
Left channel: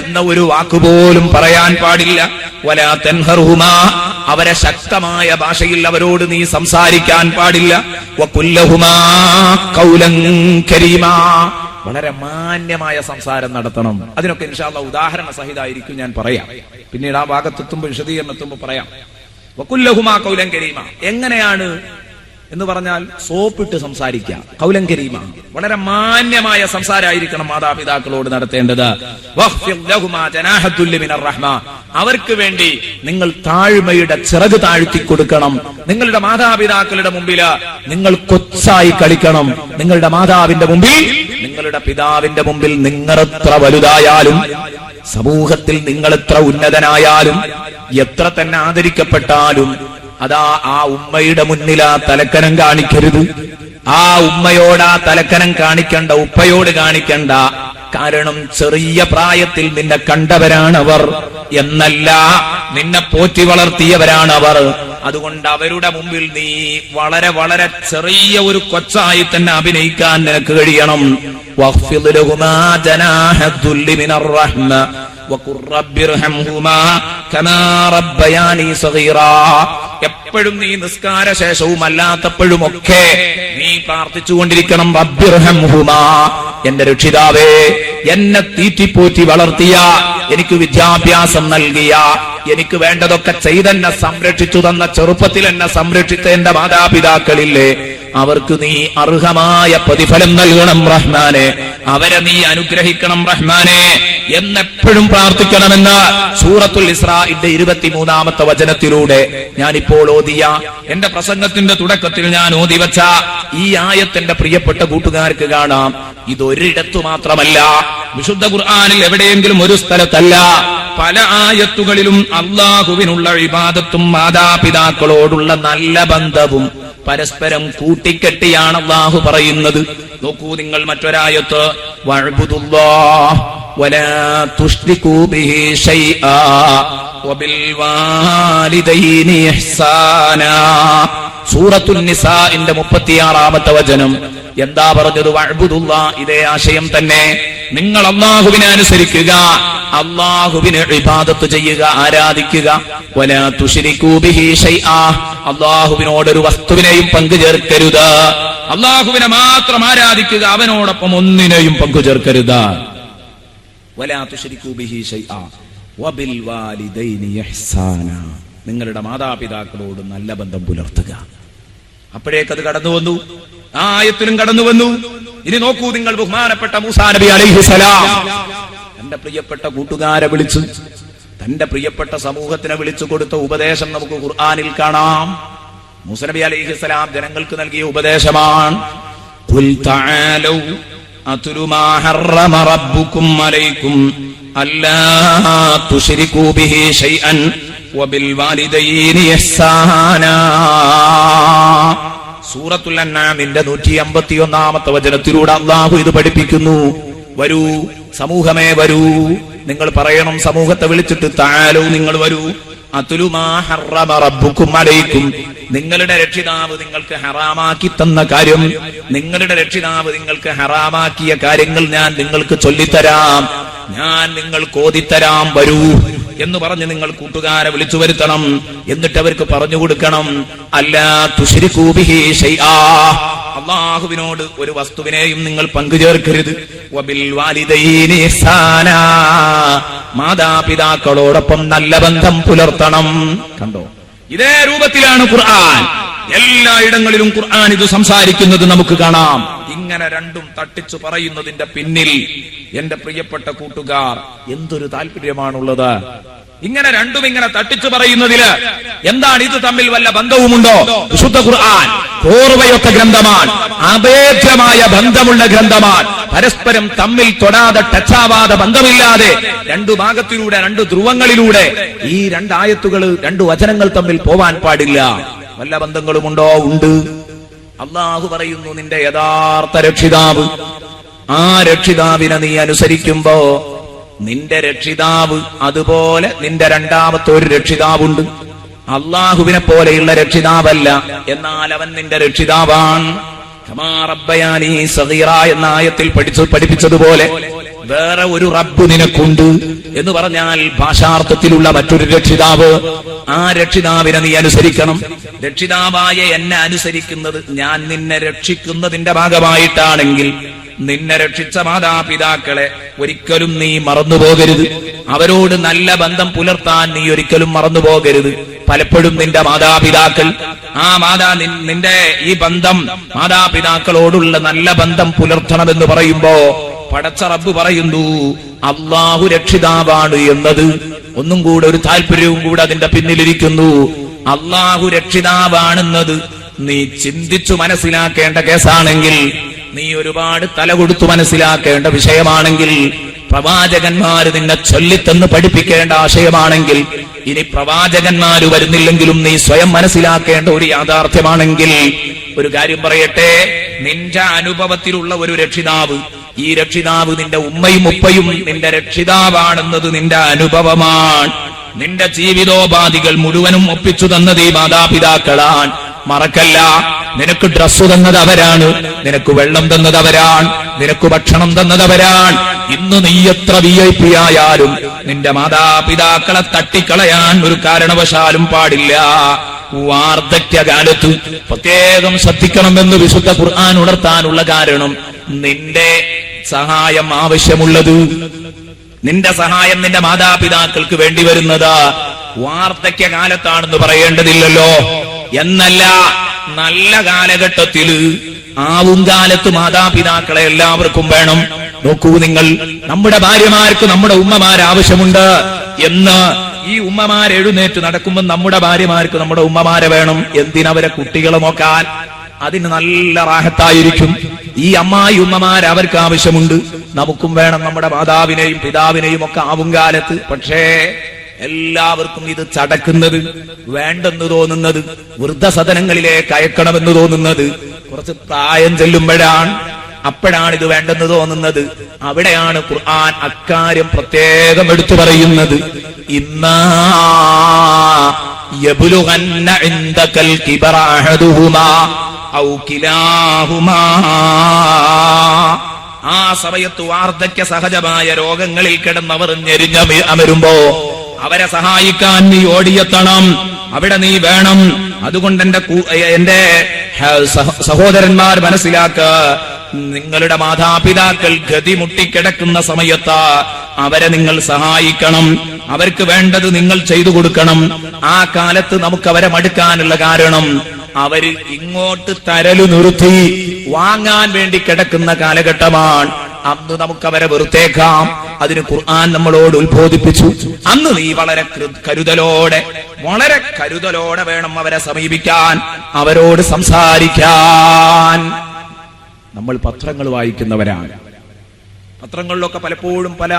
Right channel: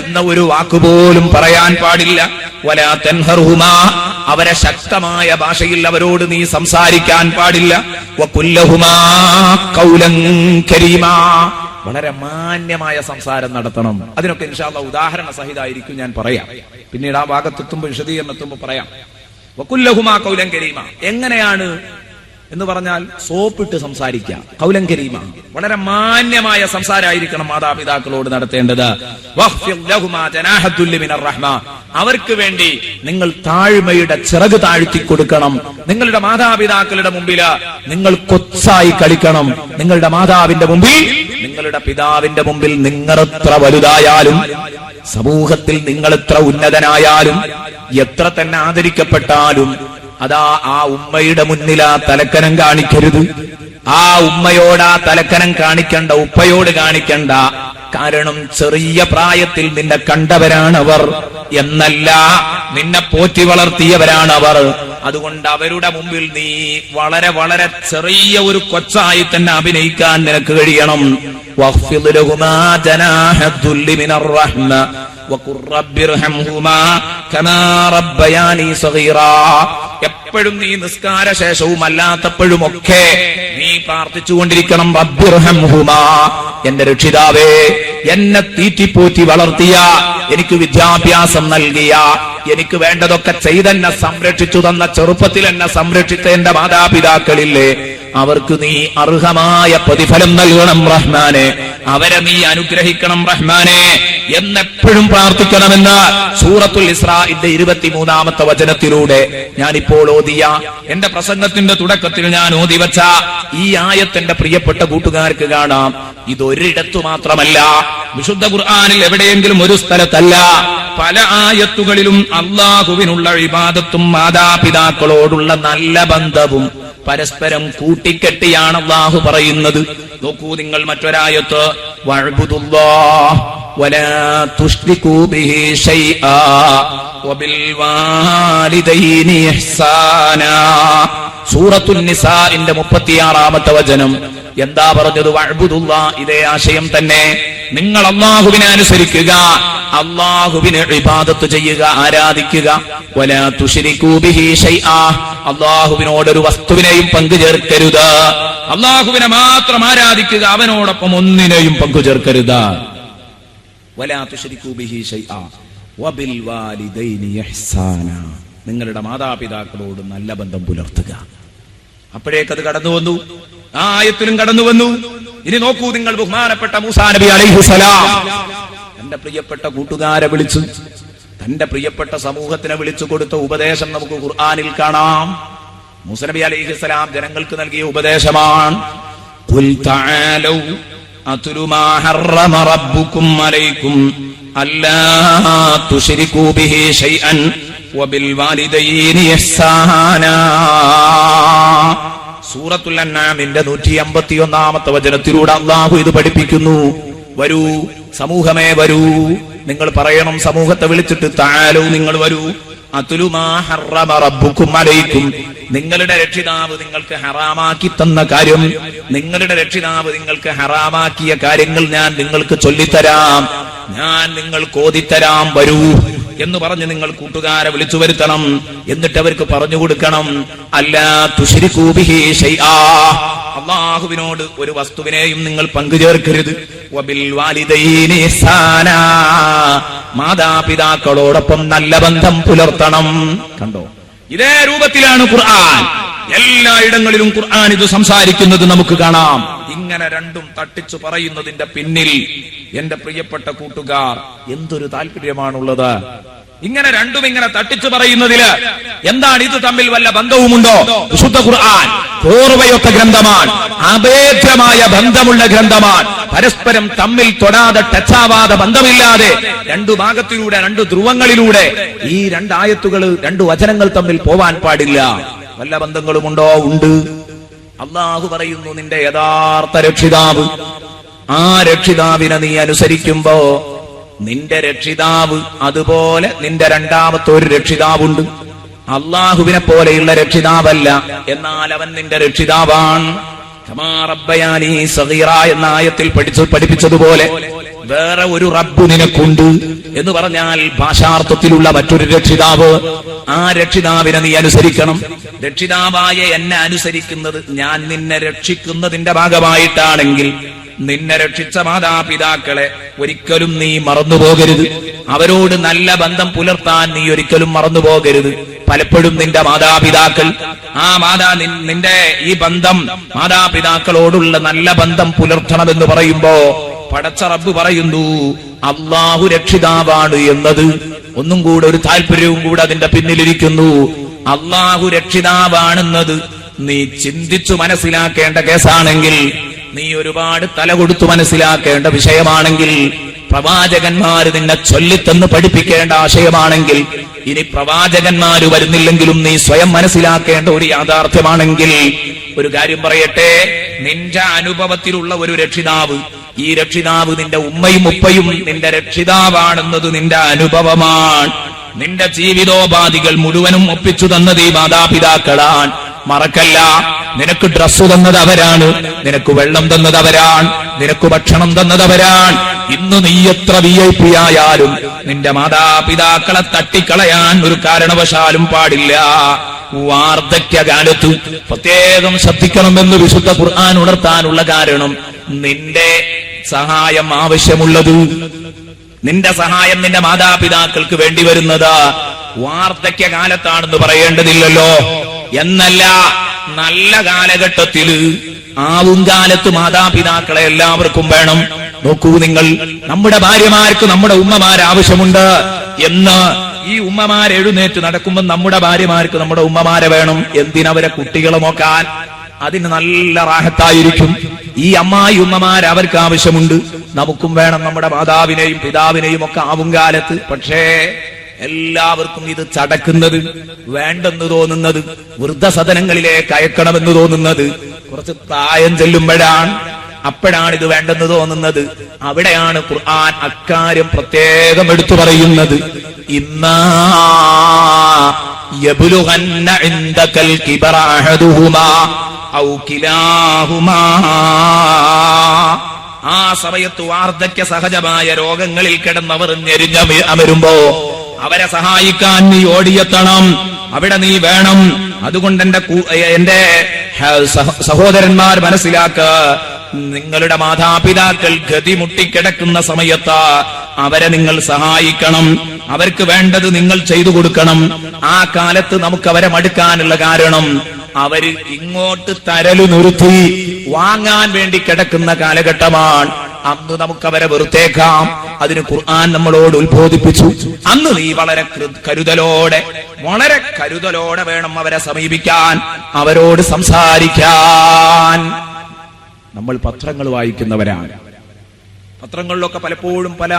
എന്ന ഒരു വാക്കുപോലും പറയാൻ പാടില്ല. വലാ തൻഹർഹുമാ, അവരെ ശക്തമായ ഭാഷയിൽ അവരോട് നീ സംസാരിക്കാൻ പാടില്ല. വഖുൽ ലഹുമാ ഖൗലൻ കരീമാ, വളരെ മാന്യമായ സംസാരം നടത്തണം. അതിനൊക്കെ ഇൻഷാ അല്ലാഹ് ഉദാഹരണ സഹിതമായിരിക്കും ഞാൻ പറയാം. പിന്നീട് ആ ഭാഗത്തെത്തുമ്പോൾ വിശദീകരണം എത്തുമ്പോൾ പറയാം. വഖുൽ ലഹുമാ ഖൗലൻ കരീമാ, എങ്ങനെയാണ് എന്ന് പറഞ്ഞാൽ സോപ്പിട്ട് സംസാരിക്കുക, ഖൗലൻ കരീമ, വളരെ മാന്യമായ സംസാരമായിരിക്കണം മാതാപിതാക്കളോട് നടത്തേണ്ടത്. വഖ്ഫിദ് ലഹുമാ ജനാഹത്തുൽ മിനർ റഹ്മ, അവർക്ക് വേണ്ടി നിങ്ങൾ താഴ്മയുടെ ചിറക് താഴ്ത്തി കൊടുക്കണം. നിങ്ങളുടെ മാതാപിതാക്കളുടെ മുമ്പിൽ നിങ്ങൾ കൊച്ചായി കളിക്കണം. നിങ്ങളുടെ മാതാവിന്റെ മുമ്പിൽ, നിങ്ങളുടെ പിതാവിന്റെ മുമ്പിൽ നിങ്ങൾ എത്ര വലുതായാലും, സമൂഹത്തിൽ നിങ്ങൾ എത്ര ഉന്നതനായാലും, എത്ര തന്നെ ആദരിക്കപ്പെട്ടാലും, അതാ ആ ഉമ്മയുടെ മുന്നിൽ ആ തലക്കനം കാണിക്കരുത്. ആ ഉമ്മയോട് ആ തലക്കനം കാണിക്കണ്ട, ഉപ്പയോട് കാണിക്കണ്ട. കാരണം ചെറിയ പ്രായത്തിൽ നിന്നെ കണ്ടവരാണവർ എന്നല്ല, നിന്നെ പോറ്റി വളർത്തിയവരാണവർ. അതുകൊണ്ട് അവരുടെ മുമ്പിൽ നീ വളരെ വളരെ ചെറിയ ഒരു കൊച്ചായി തന്നെ അഭിനയിക്കാൻ നിനക്ക് കഴിയണം. വഖ്ഫിദ് ലഹുമാ ജനാഹദ്ദുല്ലി മിനർ റഹ്മ വഖുർ റബ്ബിർഹംഹുമാ കമാ റബ്ബയാനി സഗീറാ. എപ്പോഴും നീ നിസ്കാര ശേഷവും അല്ലാത്തപ്പോഴുമൊക്കെ നീ പ്രാർത്ഥിച്ചുകൊണ്ടിരിക്കണം, റബ്ബിർഹംഹുമാ, എന്റെ രക്ഷിതാവേ, എന്നെ തീറ്റിപ്പോറ്റി വളർത്തിയ, എനിക്ക് വിദ്യാഭ്യാസം നൽകിയ, എനിക്ക് വേണ്ടതൊക്കെ ചെയ്തെന്നെ സംരക്ഷിച്ചു തന്ന, ചെറുപ്പത്തിൽ എന്നെ സംരക്ഷിച്ച എന്റെ മാതാപിതാക്കളില്ലേ, അവർക്ക് നീ അർഹമായ പ്രതിഫലം നൽകണം റഹ്മാനെ, അവരെ നീ അനുഗ്രഹിക്കണം റഹ്മാനെ എന്നെപ്പോഴും പ്രാർത്ഥിക്കണമെന്ന് സൂറത്തുൽ ഇസ്രാഇന്റെ 23-ാമത്തെ വചനത്തിലൂടെ ഞാനിപ്പോൾ ഓതിയ, എന്റെ പ്രസംഗത്തിന്റെ തുടക്കത്തിൽ ഞാൻ ഓതിവച്ച ഈ ആയത്തിന്റെ പ്രിയപ്പെട്ട കൂട്ടുകാർക്ക് കാണാം. ഇതൊരിടത്തു മാത്രമല്ല, വിശുദ്ധ ഖുർആനിൽ എവിടെയെങ്കിലും ഒരു സ്ഥലത്തല്ല, പല ആയത്തുകളിലും അള്ളാഹുവിനുള്ള ഇബാദത്തും മാതാപിതാക്കളോടുള്ള നല്ല ബന്ധവും പരസ്പരം കൂട്ടിക്കെട്ടിയാണ് അള്ളാഹു പറയുന്നത്. നോക്കൂ നിങ്ങൾ മറ്റൊരായത്ത്, വഅബ്ദുല്ലാഹ് വലാ തുശ്രികൂ ബിഹി ശൈആ വബിൽ വാലിദൈനി ഇഹ്സാനാ. സൂറത്തുൻ നിസാഇന്റെ 36-ാമത്തെ വചനം എന്താ പറഞ്ഞത്? വഅബ്ദുല്ലാഹ്, ഇതേ ആശയം തന്നെ. നിങ്ങൾ അല്ലാഹുവിനെ അനുസരിക്കുക, അല്ലാഹുവിനെ ഇബാദത്ത് ചെയ്യുക, ആരാധിക്കുക. വലാ തുശ്രികൂ ബിഹി ശൈആ, അല്ലാഹുവിനോടൊരു വസ്തുവിനെയും പങ്കു ചേർക്കരുത്. അല്ലാഹുവിനെ മാത്രം ആരാധിക്കുക, അവനോടൊപ്പം ഒന്നിനെയും പങ്കു ചേർക്കരുത്. വലാ തുശ്രികൂ ബിഹി ശൈആ വബിൽ വാലിദൈനി ഇഹ്സാനാ, നിങ്ങളുടെ മാതാപിതാക്കളോട് നല്ല ബന്ധം പുലർത്തുക. അപ്പോഴേക്കത് കടന്നു വന്നു, ആ ആയത്തിലും കടന്നു വന്നു. ഇനി നോക്കൂ നിങ്ങൾ, ബഹുമാനപ്പെട്ട മൂസാ നബി അലൈഹിസ്സലാം തന്റെ പ്രിയപ്പെട്ട കൂട്ടുകാരെ വിളിച്ചു, തന്റെ പ്രിയപ്പെട്ട സമൂഹത്തിനെ വിളിച്ചു കൊടുത്ത ഉപദേശം നമുക്ക് ഖുർആനിൽ കാണാം. മൂസാ നബി അലൈഹിസ്സലാം ജനങ്ങൾക്ക് നൽകിയ ഉപദേശമാണ്, ഖുൽ തആലൗ അത്ലു മാ ഹറമ റബ്ബുകും അലൈക്കും അല്ലാ തുശ്രികൂ ബിഹി ശൈഅൻ വബിൽ വാലിദൈനി ഇഹ്സാനാ. സൂറത്തുൽ അൻആമിന്റെ 151-ാമത്തെ വചനത്തിലൂടെ അല്ലാഹു ഇത് പഠിപ്പിക്കുന്നു. വരൂ സമൂഹമേ, വരൂ, നിങ്ങൾ പറയണം സമൂഹത്തെ വിളിച്ചിട്ട്, തആലൂ, നിങ്ങൾ വരൂ, അത്ലു മാ ഹറമ റബ്ബുകും അലൈക്കും, നിങ്ങളുടെ രക്ഷിതാവ് നിങ്ങൾക്ക് ഹറാമാക്കി തന്ന കാര്യം, നിങ്ങളുടെ രക്ഷിതാവ് നിങ്ങൾക്ക് ഹറാമാക്കിയ കാര്യങ്ങൾ ഞാൻ നിങ്ങൾക്ക് ചൊല്ലിത്തരാം, ഞാൻ നിങ്ങൾക്ക് ഓതിത്തരാം, വരൂ എന്ന് പറഞ്ഞ് നിങ്ങൾ കൂട്ടുകാരെ വിളിച്ചു വരുത്തണം. എന്നിട്ട് അവർക്ക് പറഞ്ഞു കൊടുക്കണം, അല്ലാ തുശ്രികൂ ബിഹി ശൈആ, അല്ലാഹുവിനോട് ഒരു വസ്തുവിനെയും നിങ്ങൾ പങ്കുചേർക്കരുത്. വബിൽ വാലിദൈനി ഇഹ്സാനാ, മാതാപിതാക്കളോടൊപ്പം നല്ല ബന്ധം പുലർത്തണം. കണ്ടോ, ഇതേ രൂപത്തിലാണ് ഖുർആൻ എല്ലായിടങ്ങളിലും ഖുർആൻ ഇത് സംസാരിക്കുന്നത് നമുക്ക് കാണാം. ഇങ്ങനെ രണ്ടും തട്ടിച്ചു പറയുന്നതിന്റെ പിന്നിൽ എന്റെ പ്രിയപ്പെട്ട കൂട്ടുകാർ എന്തൊരു താല്പര്യമാണുള്ളത്. ഇങ്ങനെ രണ്ടും ഇങ്ങനെ തട്ടിച്ചു പറയുന്നതില് എന്താണ്? ഇത് തമ്മിൽ വല്ല ബന്ധവുമുണ്ടോ? വിശുദ്ധ ഖുർആൻ കോർവയൊക്കെ ഗ്രന്ഥമാണ്, അഭേദ്യമായ ബന്ധമുള്ള ഗ്രന്ഥമാണ്. പരസ്പരം തമ്മിൽ തൊടാതെ ടച്ചാവാതെ ബന്ധമില്ലാതെ രണ്ടു ഭാഗത്തിലൂടെ, രണ്ടു ധ്രുവങ്ങളിലൂടെ ഈ രണ്ടായത്തുകൾ, രണ്ടു വചനങ്ങൾ തമ്മിൽ പോവാൻ പാടില്ല. വല്ല ബന്ധങ്ങളുമുണ്ടോ? ഉണ്ട്. അള്ളാഹു പറയുന്നു, നിന്റെ യഥാർത്ഥ രക്ഷിതാവ്, ആ രക്ഷിതാവിനെ നീ അനുസരിക്കുമ്പോ നിന്റെ രക്ഷിതാവ് അതുപോലെ നിന്റെ രണ്ടാമത്തെ ഒരു രക്ഷിതാവുണ്ട്. അള്ളാഹുവിനെ പോലെയുള്ള രക്ഷിതാവല്ല, എന്നാൽ അവൻ നിന്റെ രക്ഷിതാവാണ്. കമാ റബ്ബയാനി സഗീറാ എന്ന ആയത്തിൽ പഠിപ്പിച്ചതുപോലെ വേറെ ഒരു റബ്ബ് നിനക്കുണ്ട് എന്ന് പറഞ്ഞാൽ ഭാഷാർത്ഥത്തിലുള്ള മറ്റൊരു രക്ഷിതാവ്. ആ രക്ഷിതാവിനെ നീ അനുസരിക്കണം. രക്ഷിതാവായ എന്നെ അനുസരിക്കുന്നത് ഞാൻ നിന്നെ രക്ഷിക്കുന്നതിന്റെ ഭാഗമായിട്ടാണെങ്കിൽ നിന്നെ രക്ഷിച്ച മാതാപിതാക്കളെ ഒരിക്കലും നീ മറന്നുപോകരുത്. അവരോട് നല്ല ബന്ധം പുലർത്താൻ നീ ഒരിക്കലും മറന്നുപോകരുത്. പലപ്പോഴും നിന്റെ മാതാപിതാക്കൾ നിന്റെ ഈ ബന്ധം മാതാപിതാക്കളോടുള്ള നല്ല ബന്ധം പുലർത്തണമെന്ന് പറയുമ്പോ പടച്ച റബ്ബ് പറയുന്നു അല്ലാഹു രക്ഷിതാവാണ് എന്നത് ഒന്നും കൂടെ ഒരു താല്പര്യവും കൂടെ അതിന്റെ പിന്നിലിരിക്കുന്നു. അല്ലാഹു രക്ഷിതാവാണെന്നത് നീ ചിന്തിച്ചു മനസ്സിലാക്കേണ്ട കേസാണെങ്കിൽ, നീ ഒരുപാട് തല കൊടുത്തു മനസ്സിലാക്കേണ്ട വിഷയമാണെങ്കിൽ, പ്രവാചകന്മാര് നിന്നെ ചൊല്ലിത്തന്ന് പഠിപ്പിക്കേണ്ട ആശയമാണെങ്കിൽ, ഇനി പ്രവാചകന്മാര് വരുന്നില്ലെങ്കിലും നീ സ്വയം മനസ്സിലാക്കേണ്ട ഒരു യാഥാർത്ഥ്യമാണെങ്കിൽ, ഒരു കാര്യം പറയട്ടെ, നിന്റെ അനുഭവത്തിലുള്ള ഒരു രക്ഷിതാവ്, ഈ രക്ഷിതാവ് നിന്റെ ഉമ്മയും ഉപ്പയും നിന്റെ രക്ഷിതാവാണെന്നത് നിന്റെ അനുഭവമാണ്. നിന്റെ ജീവിതോപാധികൾ മുഴുവനും ഒപ്പിച്ചു തന്നത് ഈ മാതാപിതാക്കളാണ്. മറക്കല്ല, നിനക്ക് ഡ്രസ്സ് തന്നത് അവരാണ്, നിനക്ക് വെള്ളം തന്നത് അവരാണ്, നിനക്ക് ഭക്ഷണം തന്നത് അവരാണ്. ഇന്ന് നീ എത്ര VIP ആയാലും നിന്റെ മാതാപിതാക്കളെ തട്ടിക്കളയാൻ ഒരു കാരണവശാലും പാടില്ല. വാർദ്ധക്യകാലത്ത് പ്രത്യേകം ശ്രദ്ധിക്കണമെന്ന് വിശുദ്ധ ഖുർആൻ ഉണർത്താനുള്ള കാരണം, നിന്റെ സഹായം ആവശ്യമുള്ളത്, നിന്റെ സഹായം നിന്റെ മാതാപിതാക്കൾക്ക് വേണ്ടി വരുന്നത് വാർദ്ധക്യകാലത്താണെന്ന് പറയേണ്ടതില്ലല്ലോ. എന്നല്ല, നല്ല കാലഘട്ടത്തില് ആവും കാലത്ത് മാതാപിതാക്കളെ എല്ലാവർക്കും വേണം. നോക്കൂ നിങ്ങൾ, നമ്മുടെ ഭാര്യമാർക്ക് നമ്മുടെ ഉമ്മമാർ ആവശ്യമുണ്ട് എന്ന് ഈ ഉമ്മമാർ എഴുന്നേറ്റ് നടക്കുമ്പോൾ നമ്മുടെ ഭാര്യമാർക്ക് നമ്മുടെ ഉമ്മമാരെ വേണം. എന്തിനവരെ കുട്ടികളെ നോക്കാൻ, അതിന് നല്ല റാഹത്തായിരിക്കും. ഈ അമ്മായി ഉമ്മമാർ അവർക്ക് ആവശ്യമുണ്ട്, നമുക്കും വേണം നമ്മുടെ മാതാവിനെയും പിതാവിനെയും ഒക്കെ ആവും കാലത്ത്. പക്ഷേ എല്ലാവർക്കും ഇത് ചടക്കുന്നത്, വേണ്ടെന്ന് തോന്നുന്നത്, വൃദ്ധസദനങ്ങളിലേക്ക് അയക്കണമെന്ന് തോന്നുന്നത് കുറച്ച് പ്രായം ചെല്ലുമ്പോഴാണ്. അപ്പോഴാണ് ഇത് വേണ്ടെന്ന് തോന്നുന്നത്. അവിടെയാണ് ഖുർആൻ അക്കാര്യം പ്രത്യേകം എടുത്തു പറയുന്നത്. ഇമ്മാ യബ്ലുഗന്ന ഇൻദകൽ കിബറ അഹദുഹുമാ ഔ കിലാഹുമാ. ആ സമയത്ത് വാർദ്ധക്യ സഹജമായ രോഗങ്ങളിൽ കിടന്നവർ ഞെരിഞ്ഞ് അമരുമ്പോ അവരെ സഹായിക്കാൻ നീ ഓടിയെത്തണം, അവിടെ നീ വേണം. അതുകൊണ്ട് എന്റെ സഹോദരന്മാർ മനസ്സിലാക്കുക, നിങ്ങളുടെ മാതാപിതാക്കൾ ഗതി മുട്ടിക്കിടക്കുന്ന സമയത്ത് അവരെ നിങ്ങൾ സഹായിക്കണം, അവർക്ക് വേണ്ടത് നിങ്ങൾ ചെയ്തു കൊടുക്കണം. ആ കാലത്ത് നമുക്ക് അവരെ മടുക്കാനുള്ള കാരണം, അവര് ഇങ്ങോട്ട് തരലു നിർത്തി വാങ്ങാൻ വേണ്ടി കിടക്കുന്ന കാലഘട്ടമാണ്. അന്ന് നമുക്ക് അവരെ വെറുത്തേക്കാം. അതിന് ഖുർആൻ നമ്മളോട് ഉത്ബോധിപ്പിച്ചു, അന്ന് നീ വളരെ കരുതലോടെ വേണം അവരെ സമീപിക്കാൻ, അവരോട് സംസാരിക്കാൻ. നമ്മൾ പത്രങ്ങൾ വായിക്കുന്നവരാണ്. പത്രങ്ങളിലൊക്കെ പലപ്പോഴും പല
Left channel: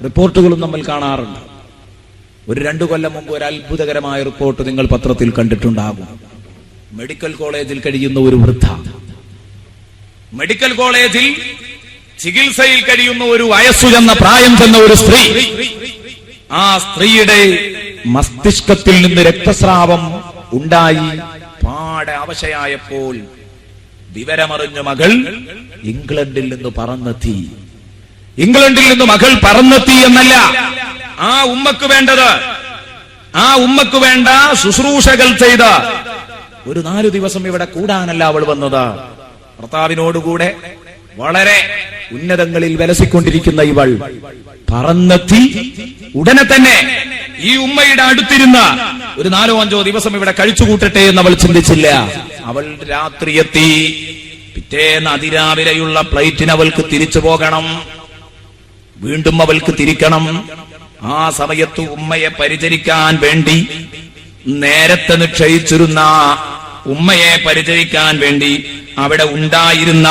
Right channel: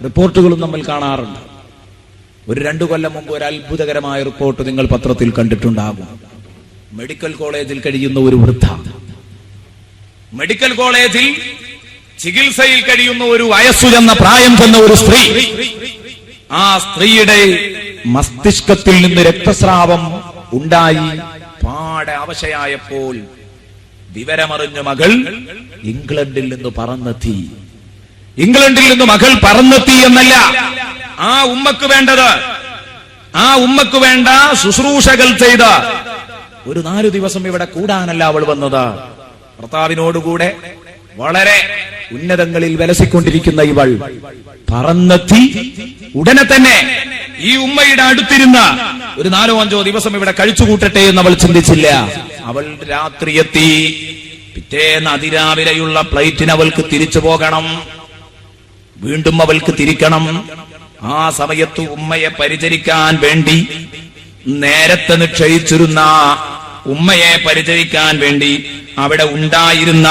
റിപ്പോർട്ടുകളും നമ്മൾ കാണാറുണ്ട്. ഒരു 2 കൊല്ലം മുമ്പ് ഒരു അത്ഭുതകരമായ റിപ്പോർട്ട് നിങ്ങൾ പത്രത്തിൽ കണ്ടിട്ടുണ്ടാകും. മെഡിക്കൽ കോളേജിൽ കഴിയുന്ന ഒരു വൃദ്ധ, മെഡിക്കൽ കോളേജിൽ ചികിത്സയിൽ കഴിയുന്ന ഒരു വയസ്സു ചെന്ന പ്രായം ചെന്ന ഒരു സ്ത്രീ, ആ സ്ത്രീയുടെ മസ്തിഷ്കത്തിൽ നിന്ന് രക്തസ്രാവം ഉണ്ടായി പാടെ അവശയായപ്പോൾ വിവരമറിഞ്ഞ മകൾ ഇംഗ്ലണ്ടിൽ നിന്ന് പറന്നെത്തി. ഇംഗ്ലണ്ടിൽ നിന്ന് മകൾ പറന്നെത്തി എന്നല്ല, ആ ഉമ്മക്ക് വേണ്ടത്, ആ ഉമ്മക്ക് വേണ്ട ശുശ്രൂഷകൾ ചെയ്ത ഒരു 4 ദിവസം ഇവിടെ കൂടാനല്ല അവൾ വന്നത്. ഭർത്താവിനോടുകൂടെ വളരെ ഉന്നതങ്ങളിൽ വിലസിക്കൊണ്ടിരിക്കുന്ന ഇവൾ പറന്നെത്തി. ഉടനെ തന്നെ ഈ ഉമ്മയുടെ അടുത്തിരുന്ന ഒരു 4-5 ദിവസം ഇവിടെ കഴിച്ചുകൂട്ടട്ടെ എന്ന് അവൾ ചിന്തിച്ചില്ല. അവൾ രാത്രി എത്തി. പിറ്റേന്ന് അതിരാവിലെയുള്ള ഫ്ലൈറ്റിന് അവൾക്ക് തിരിച്ചു പോകണം, വീണ്ടും അവൾക്ക് തിരിക്കണം. ആ സമയത്ത് ഉമ്മയെ പരിചരിക്കാൻ വേണ്ടി നേരത്തെ നിശ്ചയിച്ചിരുന്ന, ഉമ്മയെ പരിചരിക്കാൻ വേണ്ടി അവിടെ ഉണ്ടായിരുന്ന